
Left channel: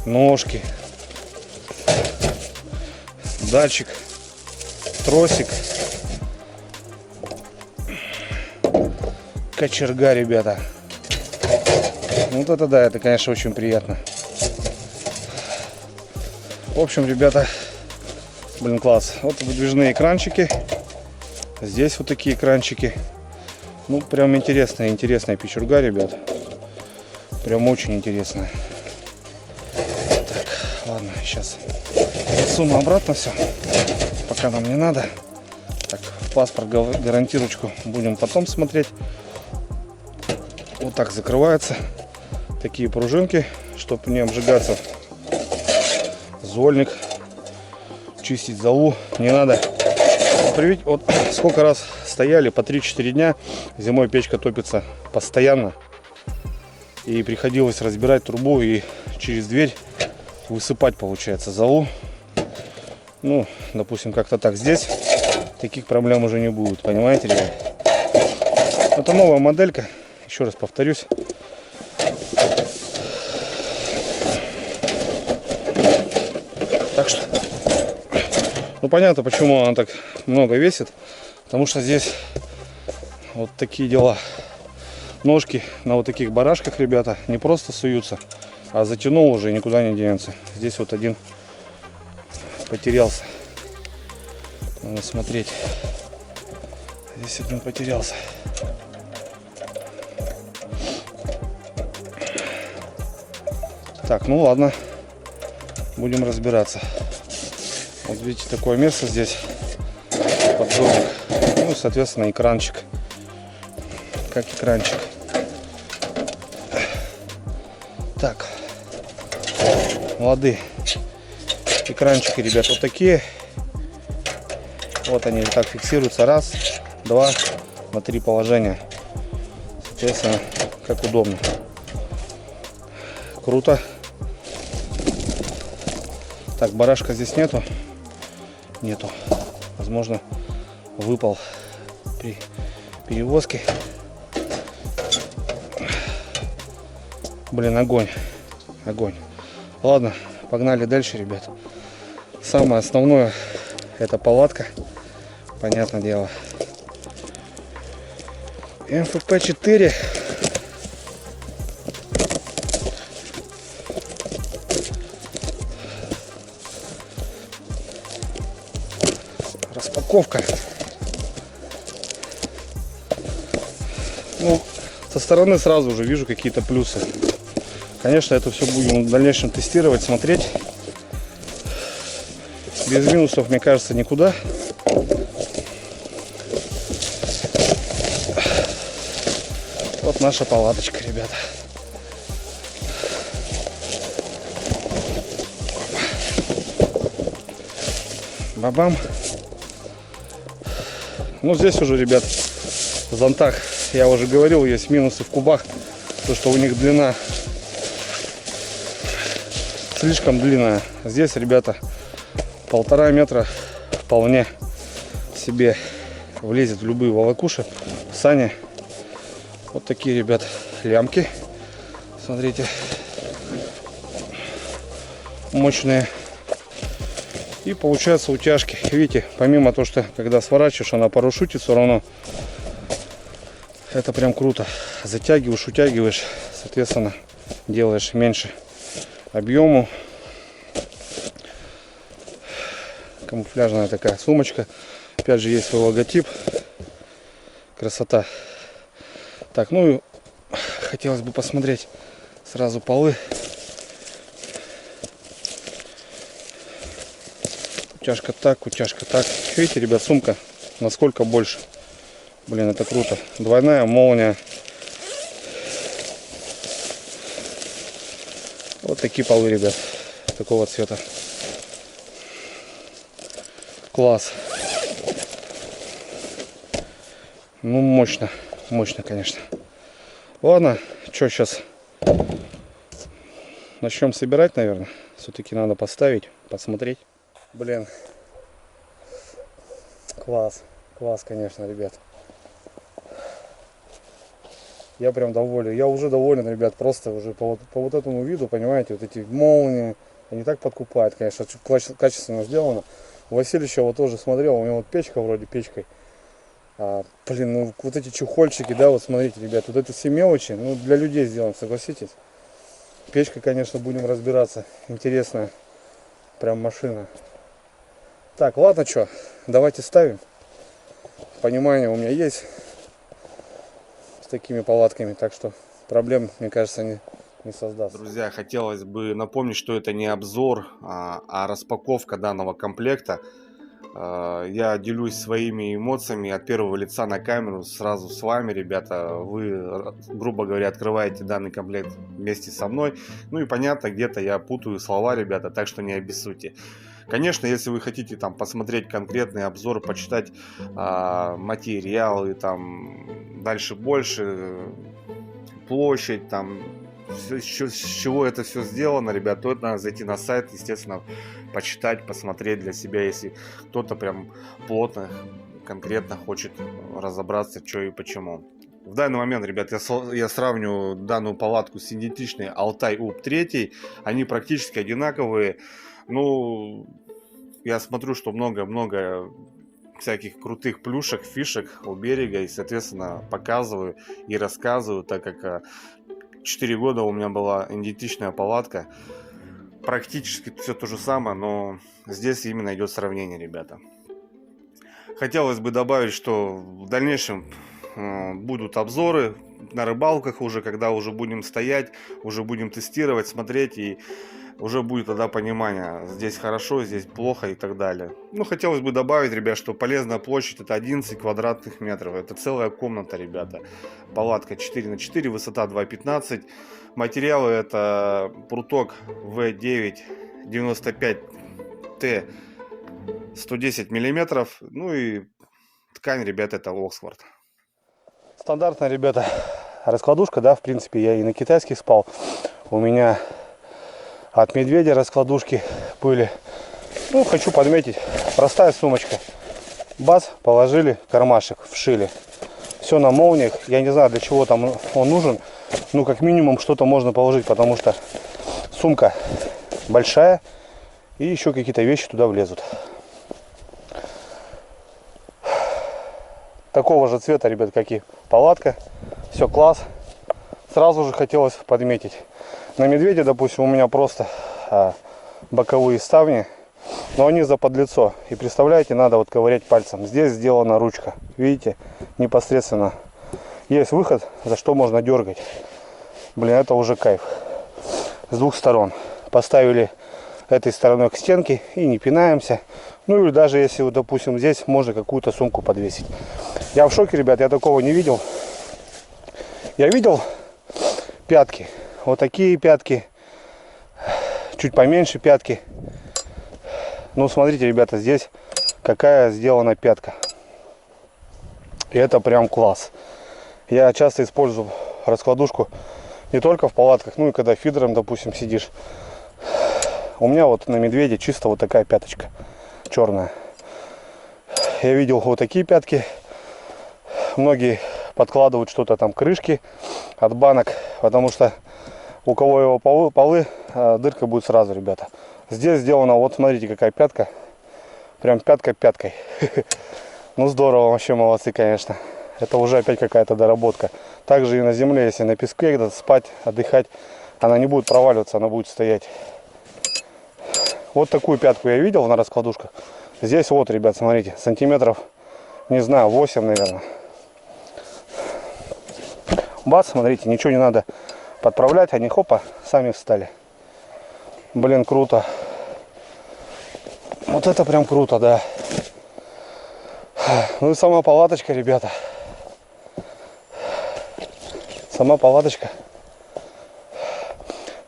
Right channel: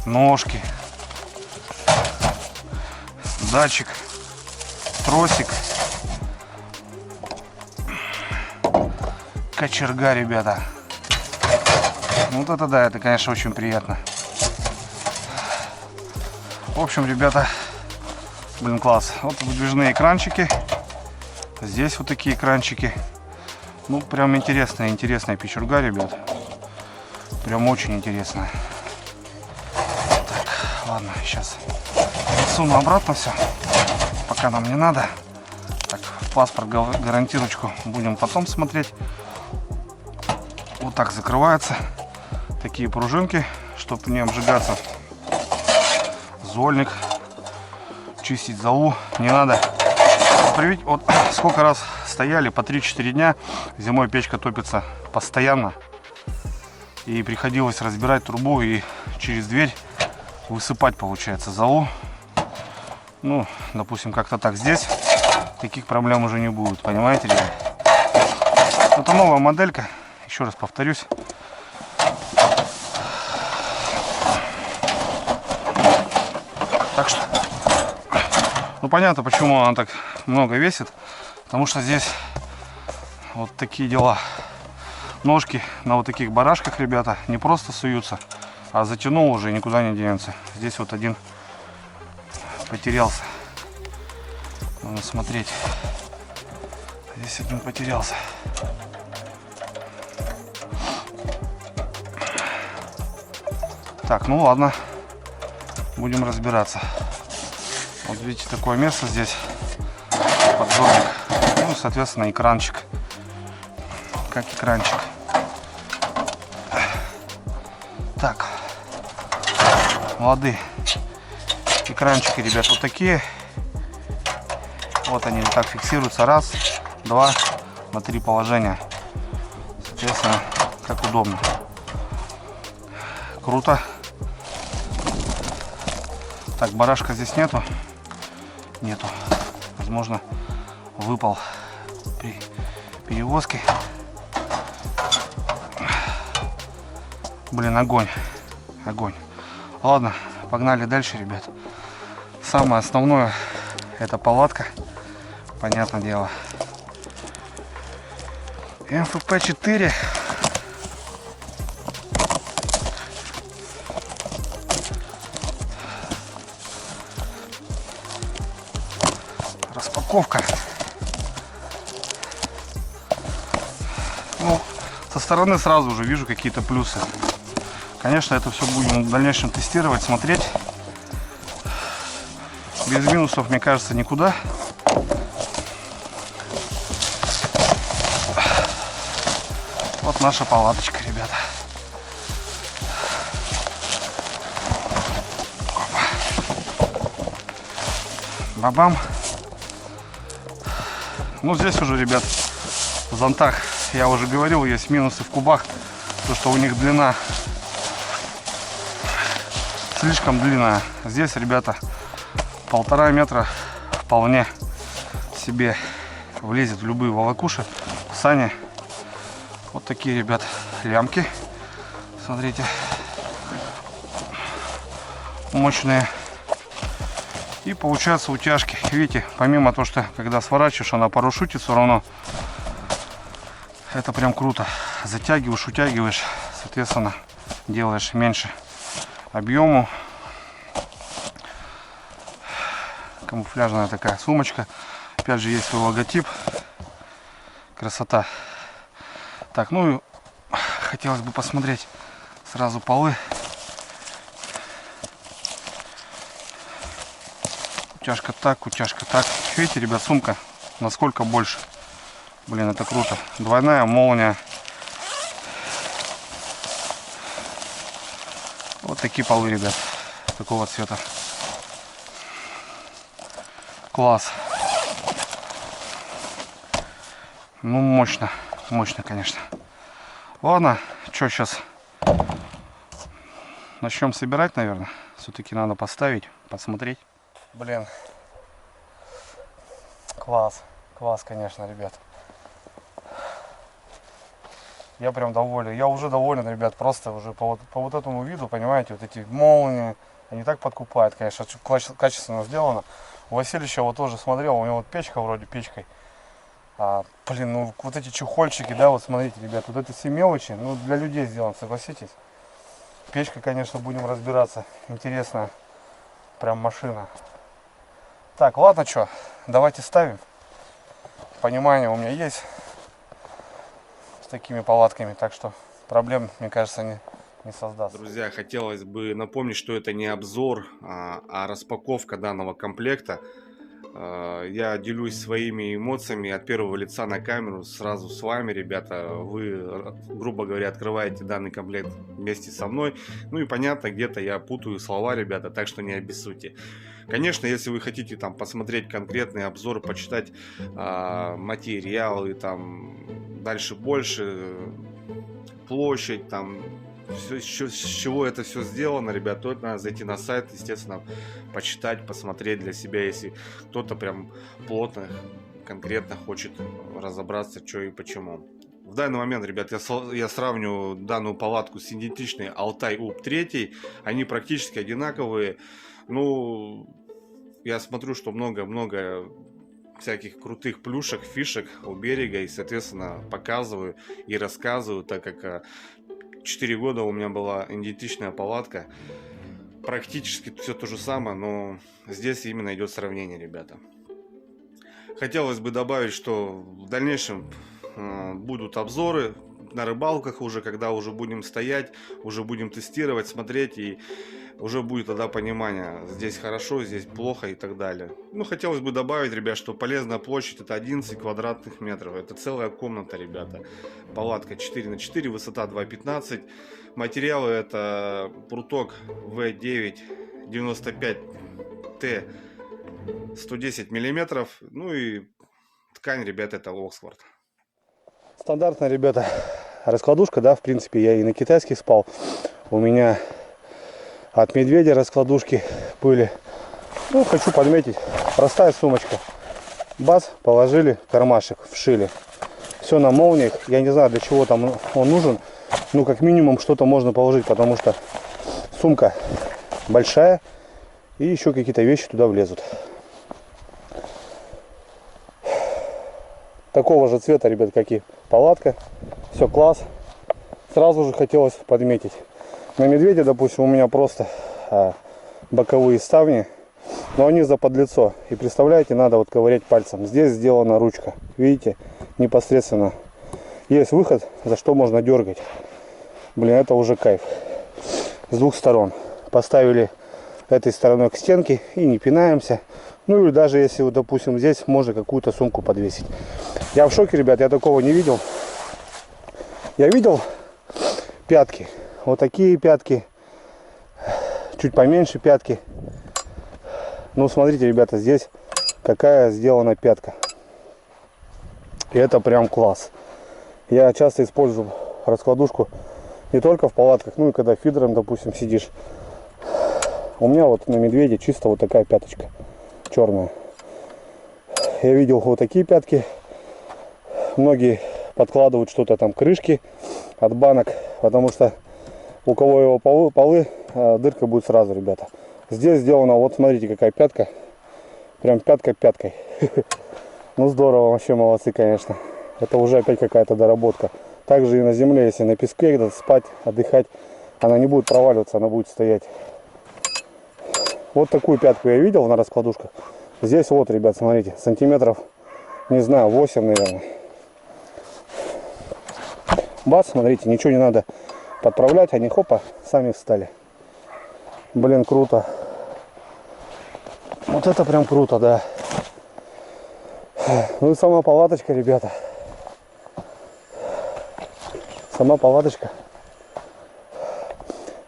Ножки. Датчик. Тросик. Кочерга, ребята. Вот это да, это, конечно, очень приятно. В общем, ребята, блин, класс. Вот выдвижные экранчики. Здесь вот такие экранчики. Ну, прям интересная печурга, ребят. Прям очень интересная. Так, ладно, сейчас засуну обратно все. Пока нам не надо. Так, паспорт, гарантировочку будем потом смотреть. Вот так закрываются такие пружинки, чтобы не обжигаться. Зольник. Чистить золу не надо. Вот сколько раз стояли, по 3-4 дня. Зимой печка топится постоянно. И приходилось разбирать трубу и через дверь высыпать, получается, золу. Ну, допустим, как-то так. Здесь таких проблем уже не будет, понимаете, ребят? Это новая моделька. Еще раз повторюсь. Так что, ну понятно, почему она так много весит. Потому что здесь вот такие дела. Ножки на вот таких барашках, ребята, не просто суются, а затянул уже и никуда не денется. Здесь вот один потерялся. Надо смотреть. Здесь один потерялся. Так, ну ладно. Будем разбираться. Вот видите, такое место здесь. Подзорник. Ну и, соответственно, экранчик. Как экранчик. Так. Молодые. Экранчики, ребят, вот такие. Вот они вот так фиксируются. Раз, два, на 3 положения. Соответственно, как удобно. Круто. Так, барашка здесь нету. Нету. Возможно, выпал при перевозке. Блин, огонь. Огонь. Ладно, погнали дальше, ребят. Самое основное — это палатка. Понятное дело. МФП-4. Распаковка. Ну, со стороны сразу уже вижу какие-то плюсы. Конечно, это все будем в дальнейшем тестировать, смотреть. Без минусов, мне кажется, никуда. Вот наша палаточка, ребята. Бабам. Ну, здесь уже, ребят, в зонтах, я уже говорил, есть минусы в кубах. То, что у них длина слишком длинная. Здесь, ребята, 1,5 метра вполне себе влезет в любые волокуши, сани. Вот такие, ребят, лямки. Смотрите. Мощные. И получаются утяжки. Видите, помимо того, что когда сворачиваешь, она парашютит, все равно это прям круто. Затягиваешь, утягиваешь, соответственно, делаешь меньше объему. Камуфляжная такая сумочка. Опять же, есть свой логотип. Красота. Так, ну и хотелось бы посмотреть сразу полы. Утяжка так, утяжка так. Видите, ребят, сумка насколько больше. Блин, это круто. Двойная молния. Вот такие полы, ребят. Такого цвета. Класс. Ну, мощно. Мощно, конечно. Ладно, что сейчас? Начнем собирать, наверное. Все-таки надо поставить, посмотреть. Блин. Класс. Класс, конечно, ребят. Я прям доволен. Я уже доволен, ребят. Просто уже по вот этому виду, понимаете, вот эти молнии, они так подкупают, конечно. Качественно сделано. У Васильевича вот тоже смотрел, у него вот печка вроде печкой. Блин, ну вот эти чехольчики, да, вот смотрите, ребят, вот это все мелочи, ну для людей сделано, согласитесь. Печка, конечно, будем разбираться. Интересная прям машина. Так, ладно, что, давайте ставим. Понимание у меня есть с такими палатками, так что проблем, мне кажется, не создаст. Друзья, хотелось бы напомнить, что это не обзор, а распаковка данного комплекта. Я делюсь своими эмоциями от первого лица на камеру сразу с вами, ребята. Вы, грубо говоря, открываете данный комплект вместе со мной. Ну и понятно, где-то я путаю слова, ребята, так что не обессудьте. Конечно, если вы хотите там посмотреть конкретный обзор, почитать материалы, там дальше больше, площадь, там с чего это все сделано, ребят, то надо зайти на сайт, естественно, почитать, посмотреть для себя, если кто-то прям плотно, конкретно хочет разобраться, что и почему. В данный момент, ребят, я сравниваю данную палатку с идентичной Altai UP 3. Они практически одинаковые. Ну, я смотрю, что много всяких крутых плюшек, фишек у берега. И, соответственно, показываю и рассказываю, так как 4 года у меня была идентичная палатка. Практически все то же самое, но здесь именно идет сравнение, ребята. Хотелось бы добавить, что в дальнейшем будут обзоры на рыбалках уже, когда уже будем стоять, уже будем тестировать, смотреть, и уже будет тогда понимание, здесь хорошо, здесь плохо и так далее. Ну, хотелось бы добавить, ребят, что полезная площадь это 11 квадратных метров. Это целая комната, ребята. Палатка 4×4, высота 2,15. Материалы это пруток V9 95T 110 миллиметров. Ну и ткань, ребята, это Оксфорд. Стандартная, ребята, раскладушка, да, в принципе, я и на китайских спал. У меня от медведя раскладушки были. Ну, хочу подметить, простая сумочка. Бац, положили, кармашек вшили. Все на молниях. Я не знаю, для чего там он нужен. Ну, как минимум, что-то можно положить, потому что сумка большая. И еще какие-то вещи туда влезут. Такого же цвета, ребят, как и палатка. Все класс. Сразу же хотелось подметить. На медведя, допустим, у меня просто боковые ставни. Но они заподлицо. И представляете, надо вот ковырять пальцем. Здесь сделана ручка. Видите, непосредственно есть выход, за что можно дергать. Блин, это уже кайф. С двух сторон. Поставили этой стороной к стенке и не пинаемся. Ну или даже если, вот, допустим, здесь можно какую-то сумку подвесить. Я в шоке, ребят, я такого не видел. Я видел пятки. Вот такие пятки. Чуть поменьше пятки. Ну, смотрите, ребята, здесь какая сделана пятка. И это прям класс. Я часто использую раскладушку не только в палатках, ну и когда фидером, допустим, сидишь. У меня вот на медведе чисто вот такая пяточка черная. Я видел вот такие пятки. Многие подкладывают что-то там, крышки от банок, потому что у кого его полы, дырка будет сразу, ребята. Здесь сделано, вот смотрите, какая пятка. Прям пятка пяткой. Ну здорово, вообще молодцы, конечно. Это уже опять какая-то доработка. Также и на земле, если на песке где-то спать, отдыхать, она не будет проваливаться, она будет стоять. Вот такую пятку я видел на раскладушках. Здесь вот, ребят, смотрите, сантиметров, не знаю, 8, наверное. Бац, смотрите, ничего не надо подправлять, они хопа, сами встали. Блин, круто. Вот это прям круто, да. Ну и сама палаточка, ребята. Сама палаточка.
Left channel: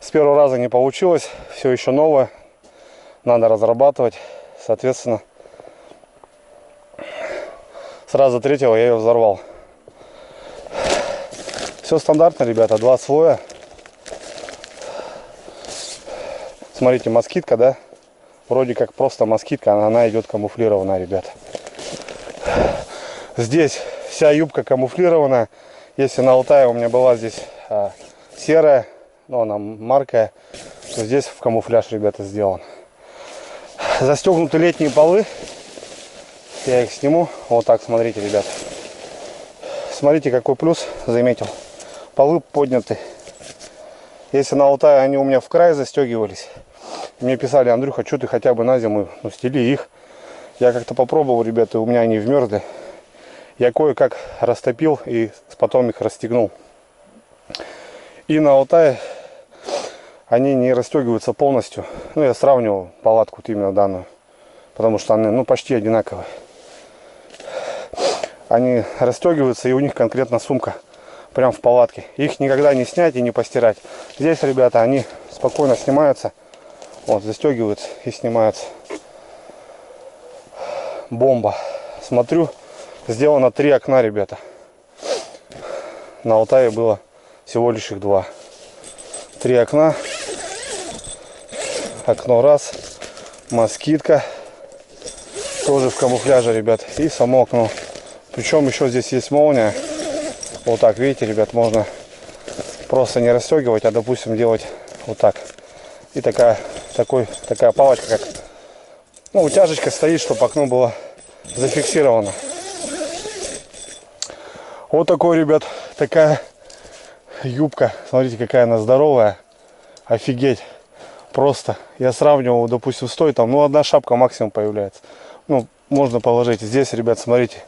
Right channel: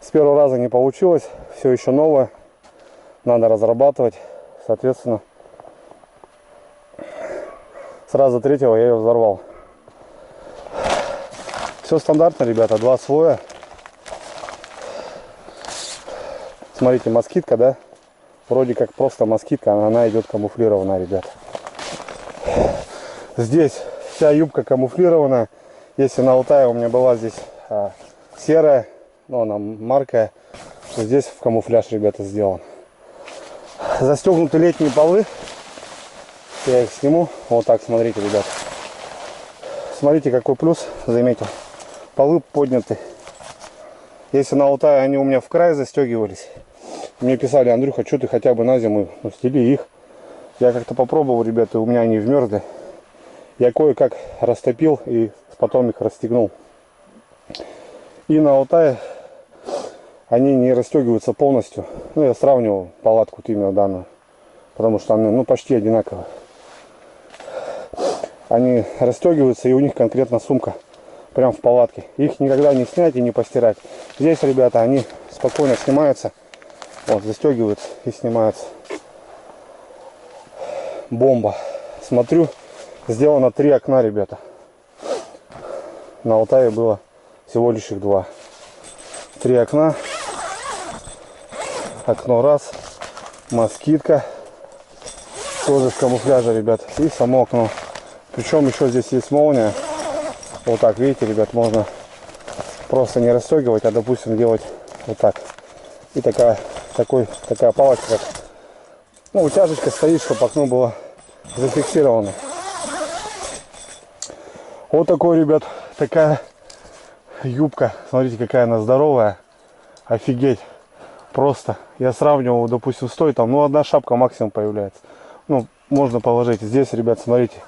С первого раза не получилось, все еще новое. Надо разрабатывать, соответственно. Сразу третьего я ее взорвал. Все стандартно, ребята, 2 слоя. Смотрите, москитка, да? Вроде как просто москитка, она идет камуфлированная, ребята. Здесь вся юбка камуфлированная. Если на Алтае у меня была здесь серая, но она маркая, то здесь в камуфляж, ребята, сделан. Застегнуты летние полы. Я их сниму. Вот так, смотрите, ребята. Смотрите, какой плюс заметил. Полы подняты. Если на Алтае они у меня в край застегивались, мне писали: Андрюха, что ты хотя бы на зиму стели их. Я как-то попробовал, ребята, у меня они вмерзли. Я кое-как растопил и потом их расстегнул. И на Алтае они не расстегиваются полностью. Ну, я сравнивал палатку именно данную, потому что они, ну, почти одинаковые. Они расстегиваются, и у них конкретно сумка прям в палатке. Их никогда не снять и не постирать. Здесь, ребята, они спокойно снимаются. Вот, застегиваются и снимаются. Бомба. Смотрю, сделано 3 окна, ребята. На Алтае было всего лишь их 2. 3 окна. Окно раз. Москитка. Тоже в камуфляже, ребят. И само окно. Причем еще здесь есть молния. Вот так, видите, ребят, можно просто не расстегивать, а, допустим, делать вот так. И такая палочка, как, ну, утяжечка стоит, чтобы окно было зафиксировано. Вот такой, ребят, такая юбка. Смотрите, какая она здоровая. Офигеть. Просто. Я сравнивал, допустим, стоит там, ну, 1 шапка максимум появляется. Ну, можно положить. Здесь, ребят, смотрите.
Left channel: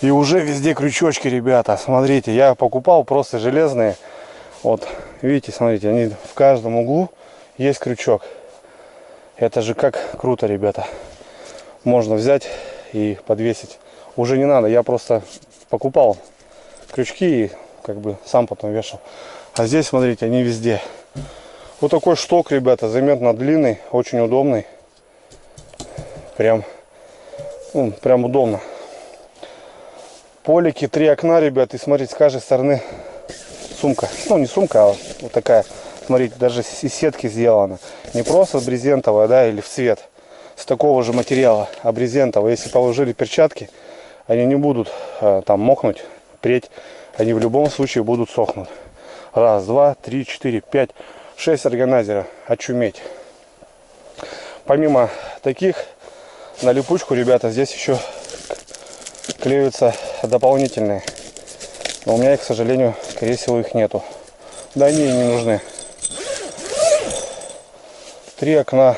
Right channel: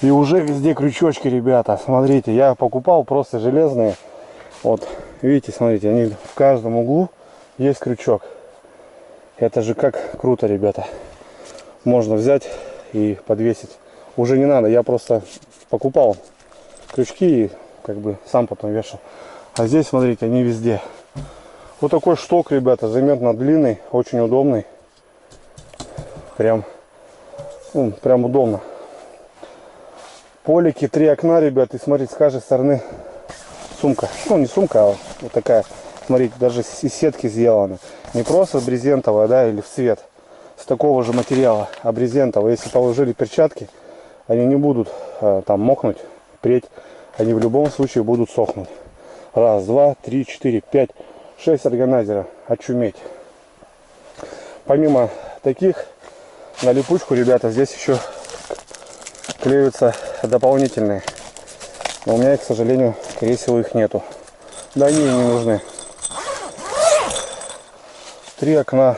И уже везде крючочки, ребята. Смотрите, я покупал просто железные. Вот, видите, смотрите, они в каждом углу есть крючок. Это же как круто, ребята. Можно взять и подвесить. Уже не надо, я просто покупал крючки и как бы сам потом вешал. А здесь, смотрите, они везде. Вот такой шток, ребята, заметно длинный, очень удобный. Прям удобно. Полики, 3 окна, ребят, и смотрите, с каждой стороны сумка. Ну, не сумка, а вот такая. Смотрите, даже из сетки сделана. Не просто брезентовая, да, или в цвет. С такого же материала, а брезентовая. Если положили перчатки, они не будут там мокнуть, преть. Они в любом случае будут сохнуть. 1, 2, 3, 4, 5, 6 органайзеров. Очуметь. Помимо таких, на липучку, ребята, здесь еще клеются дополнительные. Но у меня, к сожалению, скорее всего, их нету. Да они не нужны. 3 окна.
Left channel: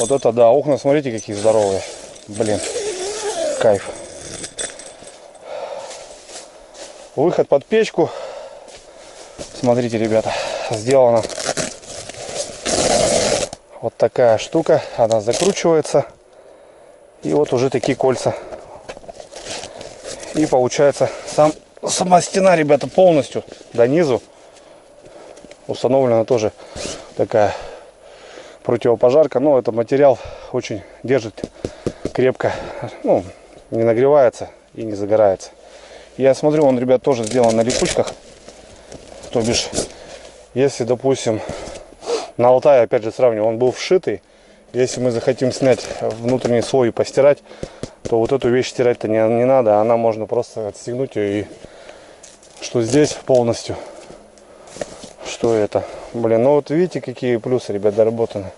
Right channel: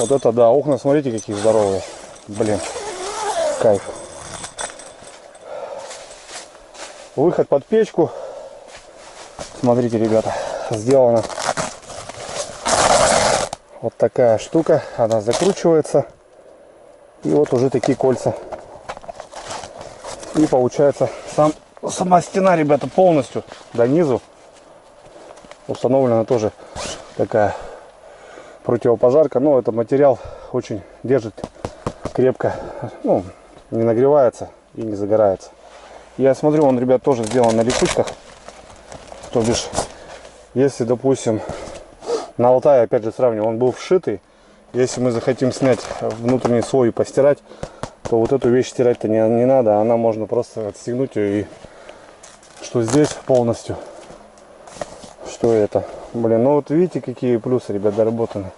Вот это да, окна, смотрите, какие здоровые. Блин, кайф. Выход под печку. Смотрите, ребята, сделана вот такая штука. Она закручивается. И вот уже такие кольца. И получается сам Сама стена, ребята, полностью до низу установлена тоже такая противопожарка. Но этот материал очень держит крепко, ну, не нагревается и не загорается. Я смотрю, он, ребят, тоже сделан на липучках. То бишь, если, допустим, на Алтае, опять же, сравниваю, он был вшитый. Если мы захотим снять внутренний слой и постирать, то вот эту вещь стирать-то не надо. Она можно просто отстегнуть ее. И что здесь полностью, что это. Блин, ну вот видите, какие плюсы, ребят, доработаны.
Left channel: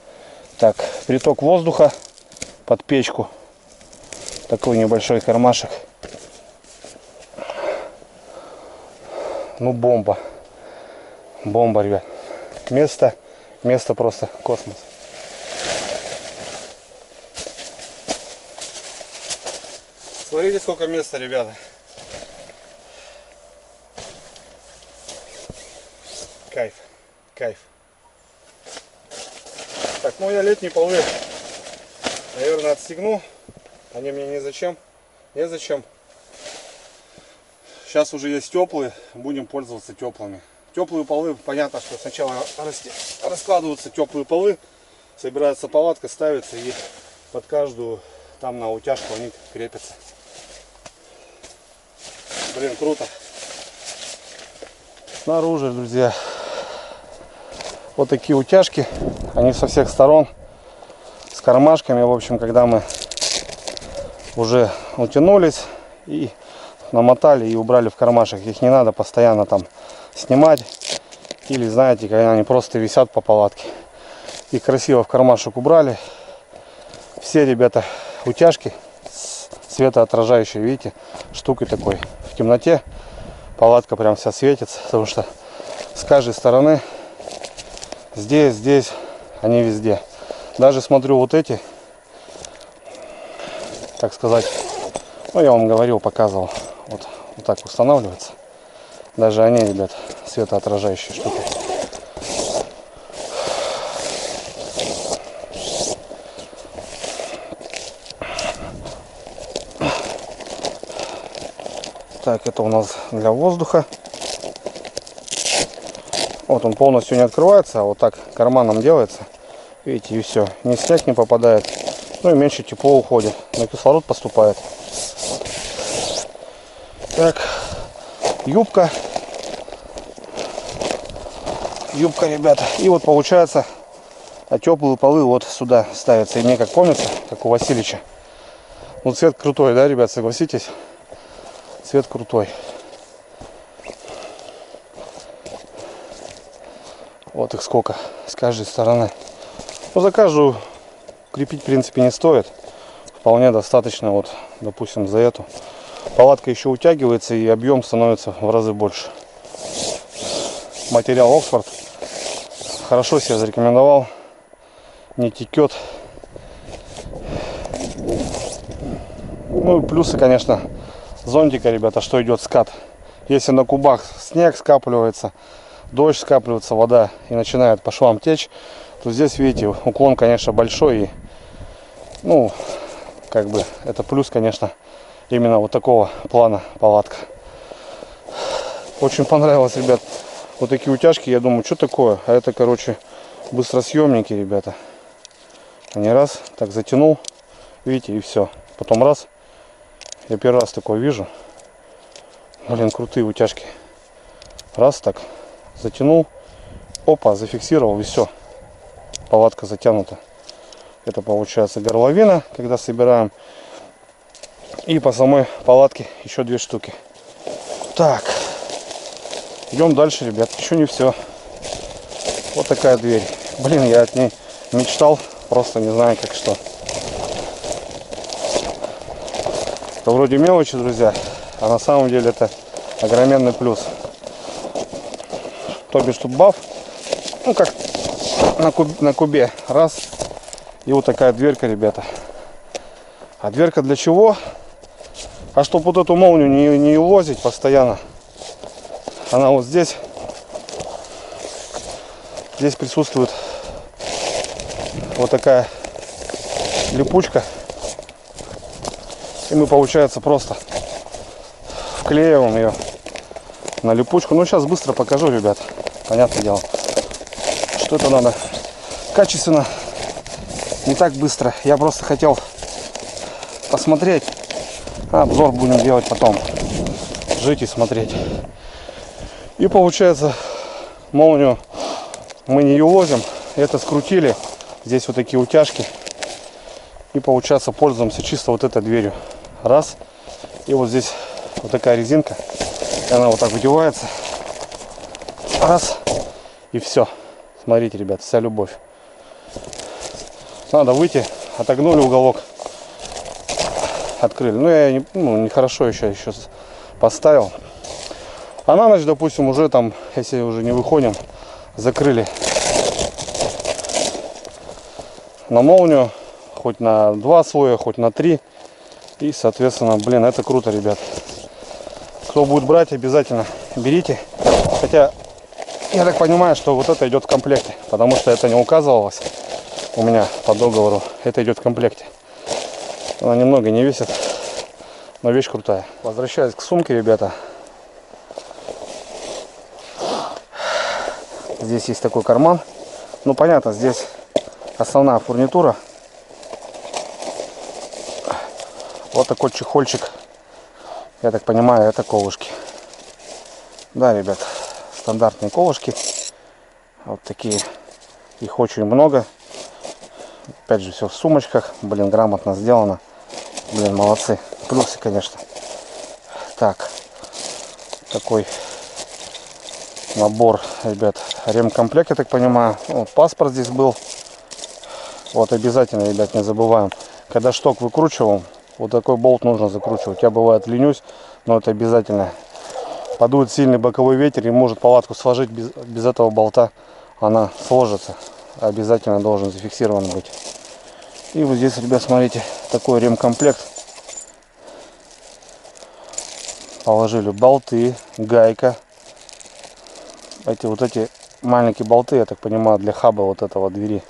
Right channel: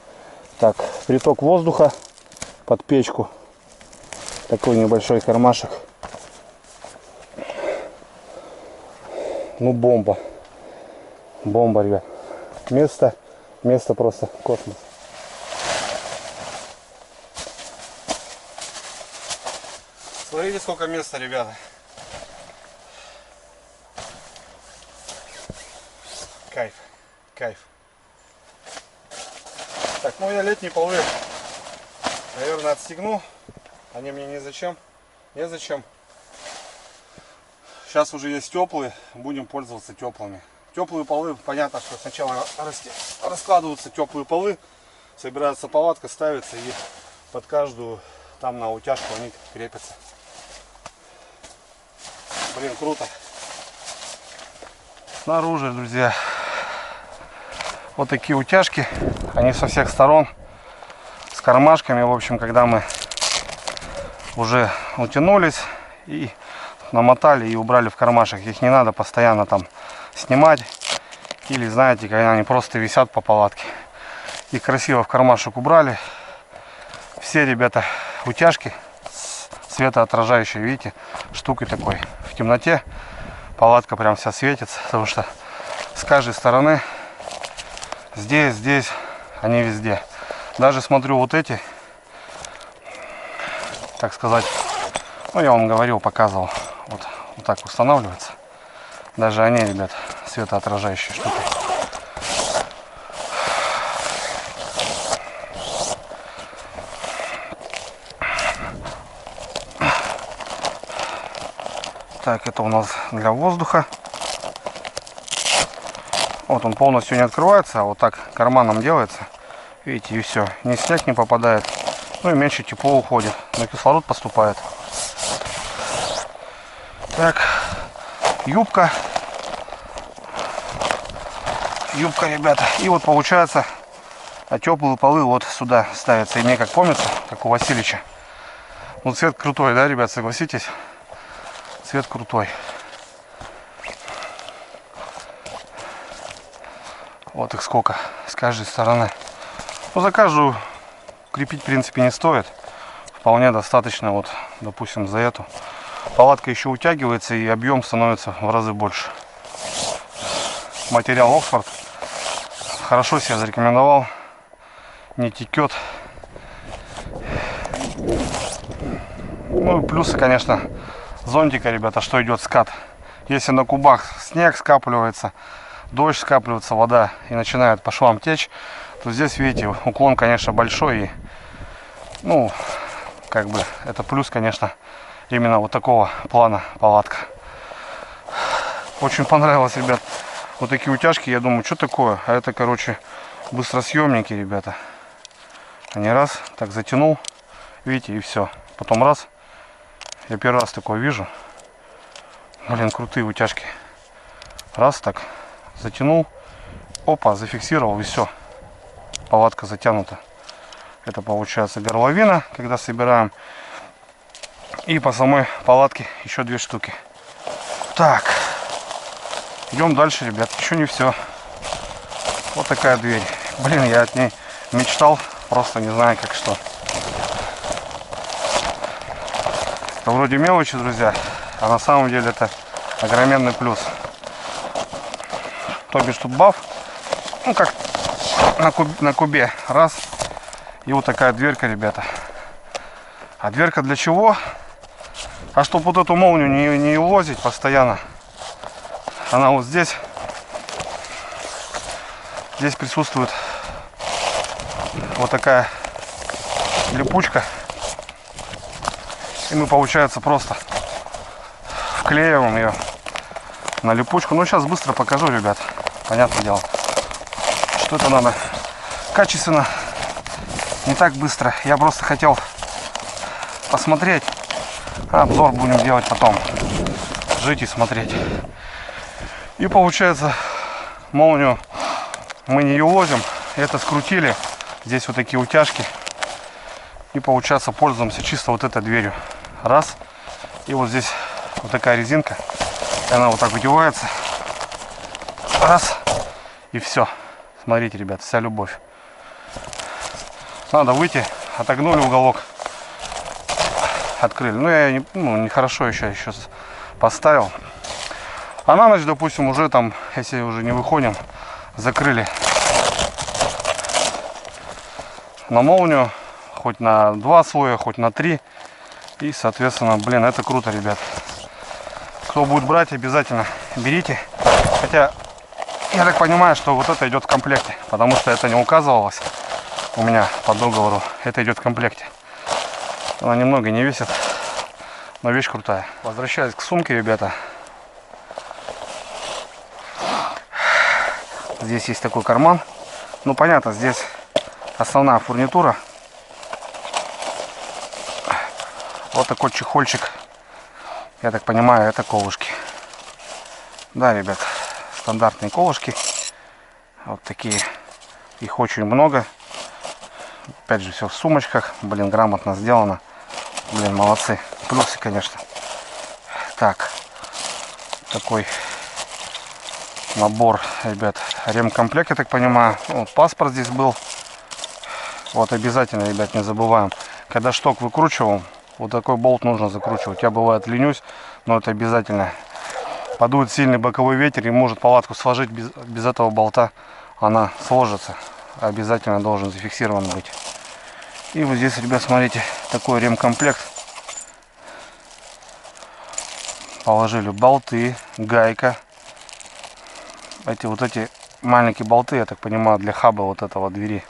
Так, приток воздуха под печку. Такой небольшой кармашек. Ну, бомба. Бомба, ребят. Место просто космос. Смотрите, сколько места, ребята. Кайф, кайф. Так, ну я летние полы, наверное, отстегну. Они мне незачем. Сейчас уже есть теплые, будем пользоваться теплыми. Теплые полы, понятно, что сначала раскладываются теплые полы, собирается палатка, ставится и под каждую там на утяжку они крепятся. Блин, круто. Снаружи, друзья, вот такие утяжки, они со всех сторон, с кармашками. В общем, когда мы уже утянулись и намотали и убрали в кармашек, их не надо постоянно там снимать. Или, знаете, когда они просто висят по палатке. И красиво в кармашек убрали. Все, ребята, утяжки светоотражающие, видите, штукой такой. В темноте палатка прям вся светится, потому что с каждой стороны, здесь, они везде. Даже смотрю, вот эти, так сказать, ну я вам говорил, показывал, вот так устанавливается. Даже они, ребят, светоотражающие штуки. Так, это у нас для воздуха. Вот он полностью не открывается, а вот так карманом делается. Видите, и все. Ни снег не попадает. Ну и меньше тепло уходит. Но кислород поступает. Так, юбка. Юбка, ребята. И вот получается, теплые полы вот сюда ставятся. И мне как помнится, как у Васильевича. Ну цвет крутой, да, ребят, согласитесь? Цвет крутой. Вот их сколько с каждой стороны. Ну, за каждую крепить, в принципе, не стоит. Вполне достаточно, вот, допустим, за эту. Палатка еще утягивается и объем становится в разы больше. Материал Оксфорд хорошо себя зарекомендовал. Не текет. Ну и плюсы, конечно, зонтика, ребята, что идет скат. Если на кубах снег скапливается, дождь скапливается, вода и начинает по швам течь, то здесь, видите, уклон, конечно, большой. И, ну, как бы, это плюс, конечно, именно вот такого плана палатка. Очень понравилось, ребят, вот такие утяжки. Я думаю, что такое? А это, короче, быстросъемники, ребята. Они раз, так затянул, видите, и все. Потом раз. Я первый раз такое вижу. Блин, крутые утяжки. Раз, так, затянул. Опа, зафиксировал, и все. Палатка затянута. Это получается горловина, когда собираем. И по самой палатке еще 2 штуки. Так. Идем дальше, ребят. Еще не все. Вот такая дверь. Блин, я от ней мечтал. Просто не знаю, как что. Это вроде мелочи, друзья. А на самом деле это огроменный плюс. То бишь тут баф. Ну, как на кубе. Раз. И вот такая дверка, ребята. А дверка для чего? А чтобы вот эту молнию не увозить постоянно. Она вот здесь. Здесь присутствует вот такая липучка. И мы, получается, просто вклеиваем ее на липучку. Ну, сейчас быстро покажу, ребят. Понятное дело, что это надо качественно, не так быстро. Я просто хотел посмотреть. Обзор будем делать потом. Жить и смотреть. И получается, молнию мы не юлозим. Это скрутили. Здесь вот такие утяжки. И получается, пользуемся чисто вот этой дверью. Раз. И вот здесь вот такая резинка. И она вот так выдевается. Раз. И все. Смотрите, ребят, вся любовь. Надо выйти. Отогнули уголок. Открыли. Ну, я нехорошо еще поставил. А на ночь, допустим, уже там, если уже не выходим, закрыли на молнию. Хоть на 2 слоя, хоть на 3. И, соответственно, блин, это круто, ребят. Кто будет брать, обязательно берите. Хотя, я так понимаю, что вот это идет в комплекте. Потому что это не указывалось у меня по договору. Это идет в комплекте. Она немного не весит, но вещь крутая. Возвращаясь к сумке, ребята. Здесь есть такой карман. Ну, понятно, здесь основная фурнитура. Вот такой чехольчик. Я так понимаю, это колышки. Да, ребят, стандартные колышки. Вот такие. Их очень много. Опять же, все в сумочках. Блин, грамотно сделано. Блин, молодцы. Плюсы, конечно. Так. Такой набор, ребят. Ремкомплект, я так понимаю. Вот паспорт здесь был. Вот обязательно, ребят, не забываем. Когда шток выкручиваем, вот такой болт нужно закручивать. Я бывает ленюсь, но это обязательно. Подует сильный боковой ветер и может палатку сложить без этого болта. Она сложится. Обязательно должен зафиксирован быть. И вот здесь, ребят, смотрите, такой ремкомплект. Положили болты, гайка. Эти маленькие болты, я так понимаю, для хаба вот этого двери.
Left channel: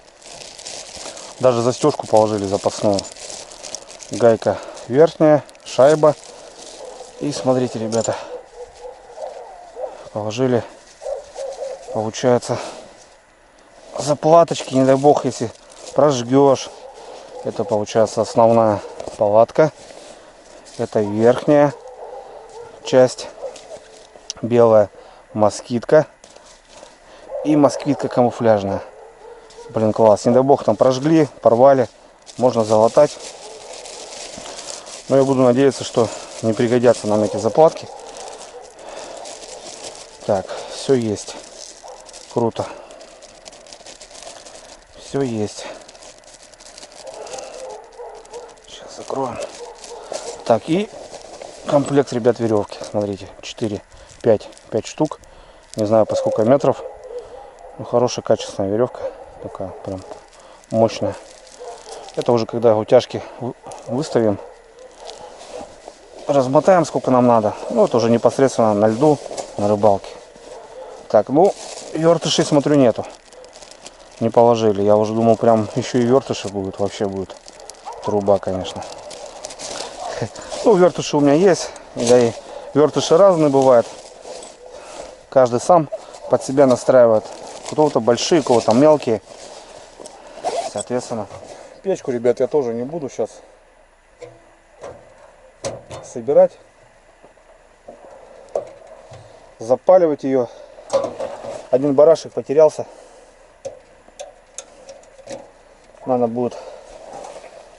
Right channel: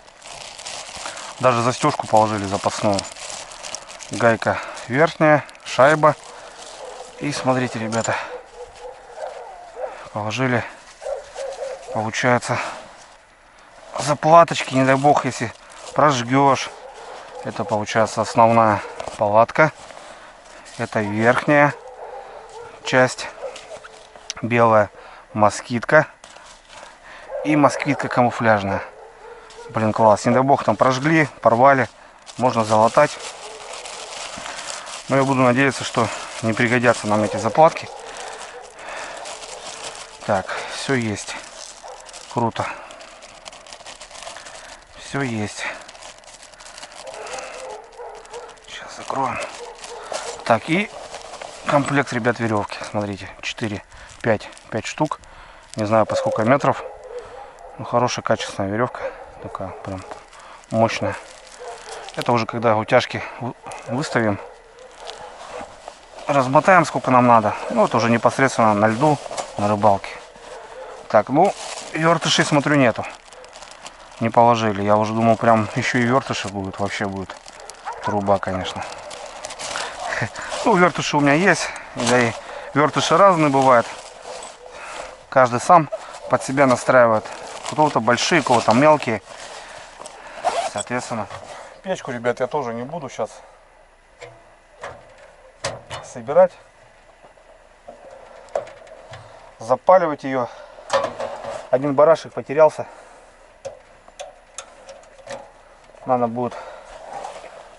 Даже застежку положили запасную. Гайка верхняя, шайба. И смотрите, ребята, положили, получается, заплаточки, не дай бог, если прожгешь. Это получается основная палатка. Это верхняя часть, белая москитка и москитка камуфляжная. Блин, класс. Не дай бог, там прожгли, порвали, можно залатать. Но я буду надеяться, что не пригодятся нам эти заплатки. Так, все есть. Круто. Все есть. Сейчас закроем. Так, и комплект, ребят, веревки. Смотрите, 5 штук. Не знаю, по сколько метров. Ну, хорошая, качественная веревка. Такая прям мощная. Это уже когда утяжки выставим. Размотаем, сколько нам надо. Ну, вот уже непосредственно на льду, на рыбалке. Так, ну, вертышей, смотрю, нету. Не положили. Я уже думал, прям еще и вертыши будут. Вообще будет труба, конечно. Ну, вертыши у меня есть. Да и вертыши разные бывают. Каждый сам под себя настраивает. Кто-то большие, кого-то мелкие. Соответственно. Печку, ребят, я тоже не буду сейчас собирать, запаливать ее. Один барашек потерялся. Надо будет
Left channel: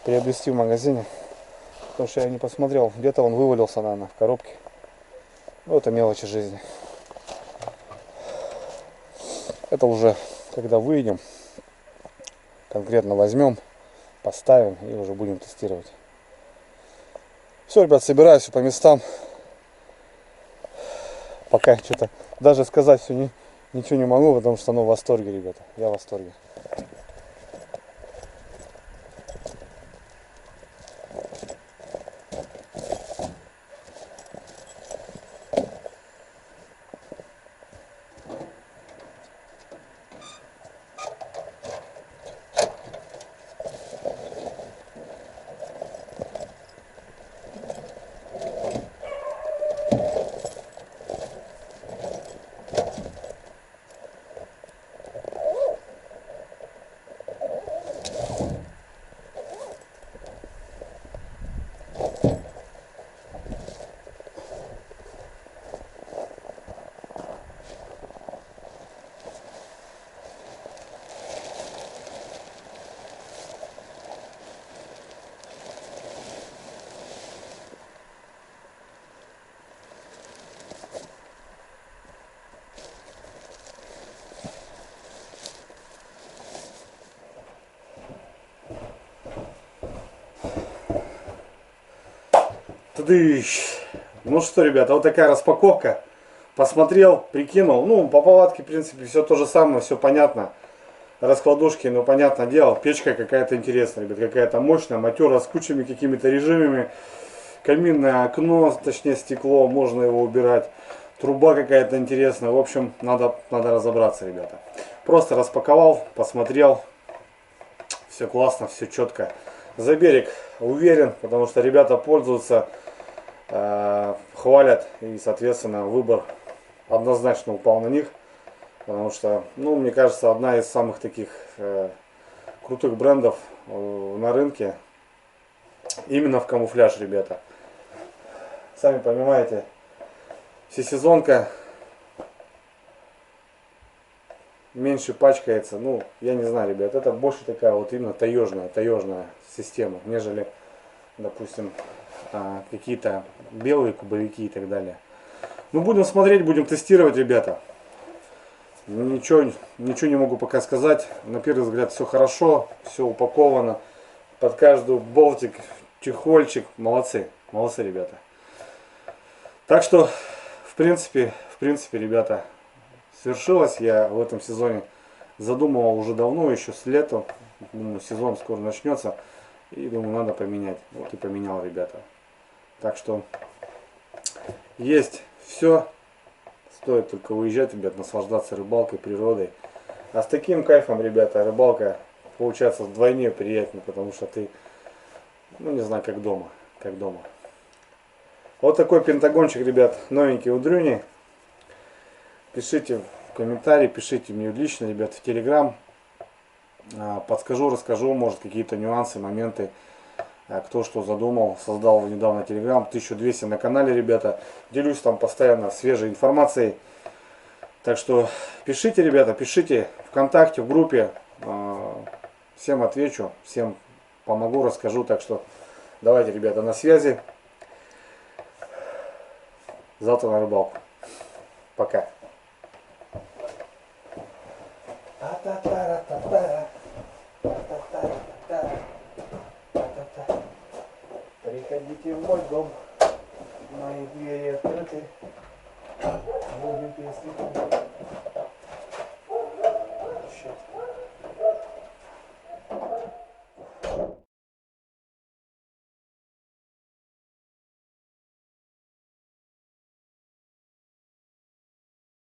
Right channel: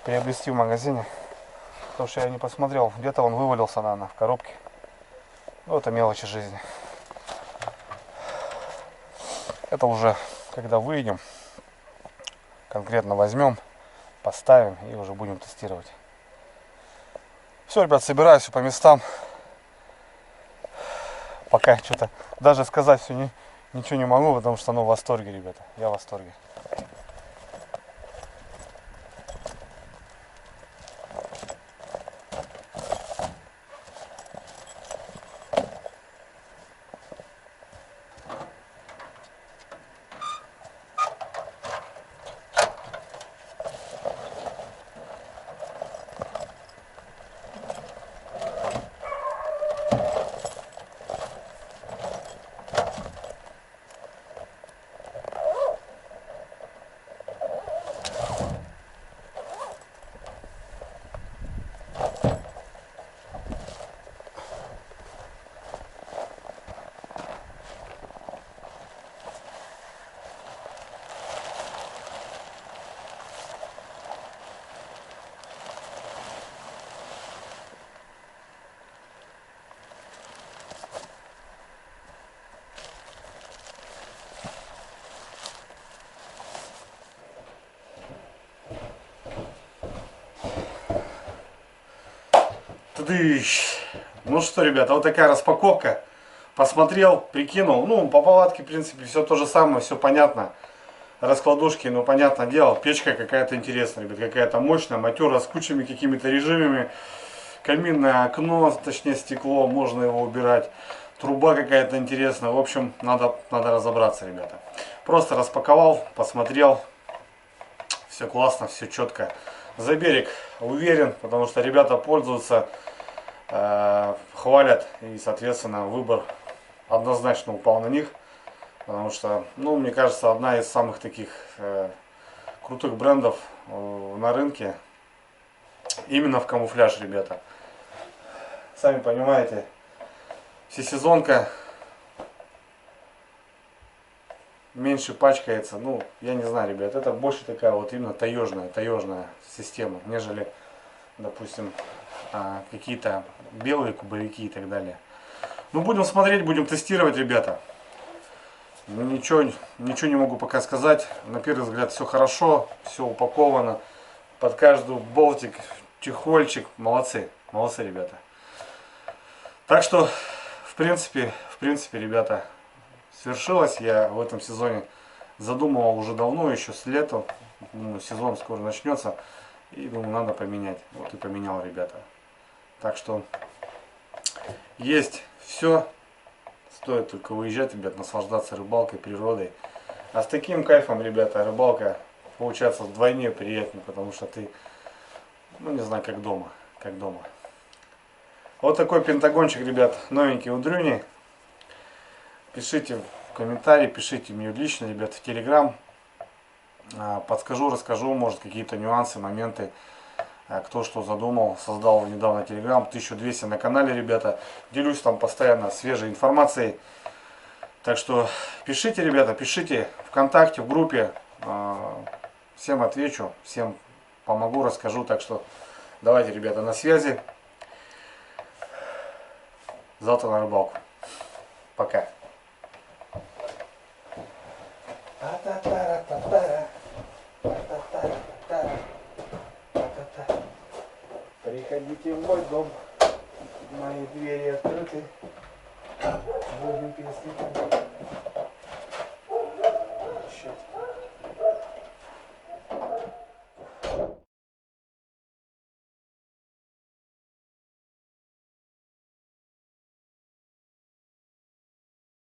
приобрести в магазине, потому что я не посмотрел, где-то он вывалился, наверное, в коробке. Ну, это мелочи жизни. Это уже когда выйдем, конкретно возьмем, поставим и уже будем тестировать. Все, ребят, собираю все по местам. Пока что-то даже сказать все ничего не могу, потому что в восторге, ребята. Я в восторге. Тыдыщ. Ну что, ребята, вот такая распаковка. Посмотрел, прикинул. Ну, по палатке, в принципе, все то же самое, все понятно. Раскладушки, ну, понятное дело. Печка какая-то интересная, ребят, какая-то мощная, матерая, с кучами какими-то режимами. Каминное окно, точнее стекло, можно его убирать. Труба какая-то интересная. В общем, надо разобраться, ребята. Просто распаковал, посмотрел. Все классно, все четко. За берег уверен, потому что ребята пользуются, хвалят. И, соответственно, выбор однозначно упал на них. Потому что, ну, мне кажется, одна из самых таких крутых брендов на рынке. Именно в камуфляж, ребята. Сами понимаете, всесезонка, меньше пачкается. Ну, я не знаю, ребят, это больше такая вот именно таежная система, нежели, допустим, какие-то белые кубовики и так далее. Ну, будем смотреть, будем тестировать, ребята. Ничего не могу пока сказать. На первый взгляд все хорошо, все упаковано. Под каждую болтик, чехольчик. Молодцы, ребята. Так что, в принципе, ребята, свершилось. Я в этом сезоне задумывал уже давно, еще с лета. Думаю, сезон скоро начнется. И думаю, надо поменять. Вот и поменял, ребята. Так что, есть все. Стоит только уезжать, ребят, наслаждаться рыбалкой, природой. А с таким кайфом, ребята, рыбалка получается вдвойне приятнее, потому что ты, ну, не знаю, как дома. Вот такой пентагончик, ребят, новенький у Дрюни. Пишите в комментарии, пишите мне лично, ребят, в Телеграм. Подскажу, расскажу, может, какие-то нюансы, моменты, кто что задумал. Создал недавно Телеграм, 1200 на канале, ребята. Делюсь там постоянно свежей информацией. Так что пишите, ребята, пишите ВКонтакте, в группе. Всем отвечу, всем помогу, расскажу. Так что давайте, ребята, на связи. Завтра на рыбалку. Пока. Приходите в мой дом. Мои двери открыты. Будем песни.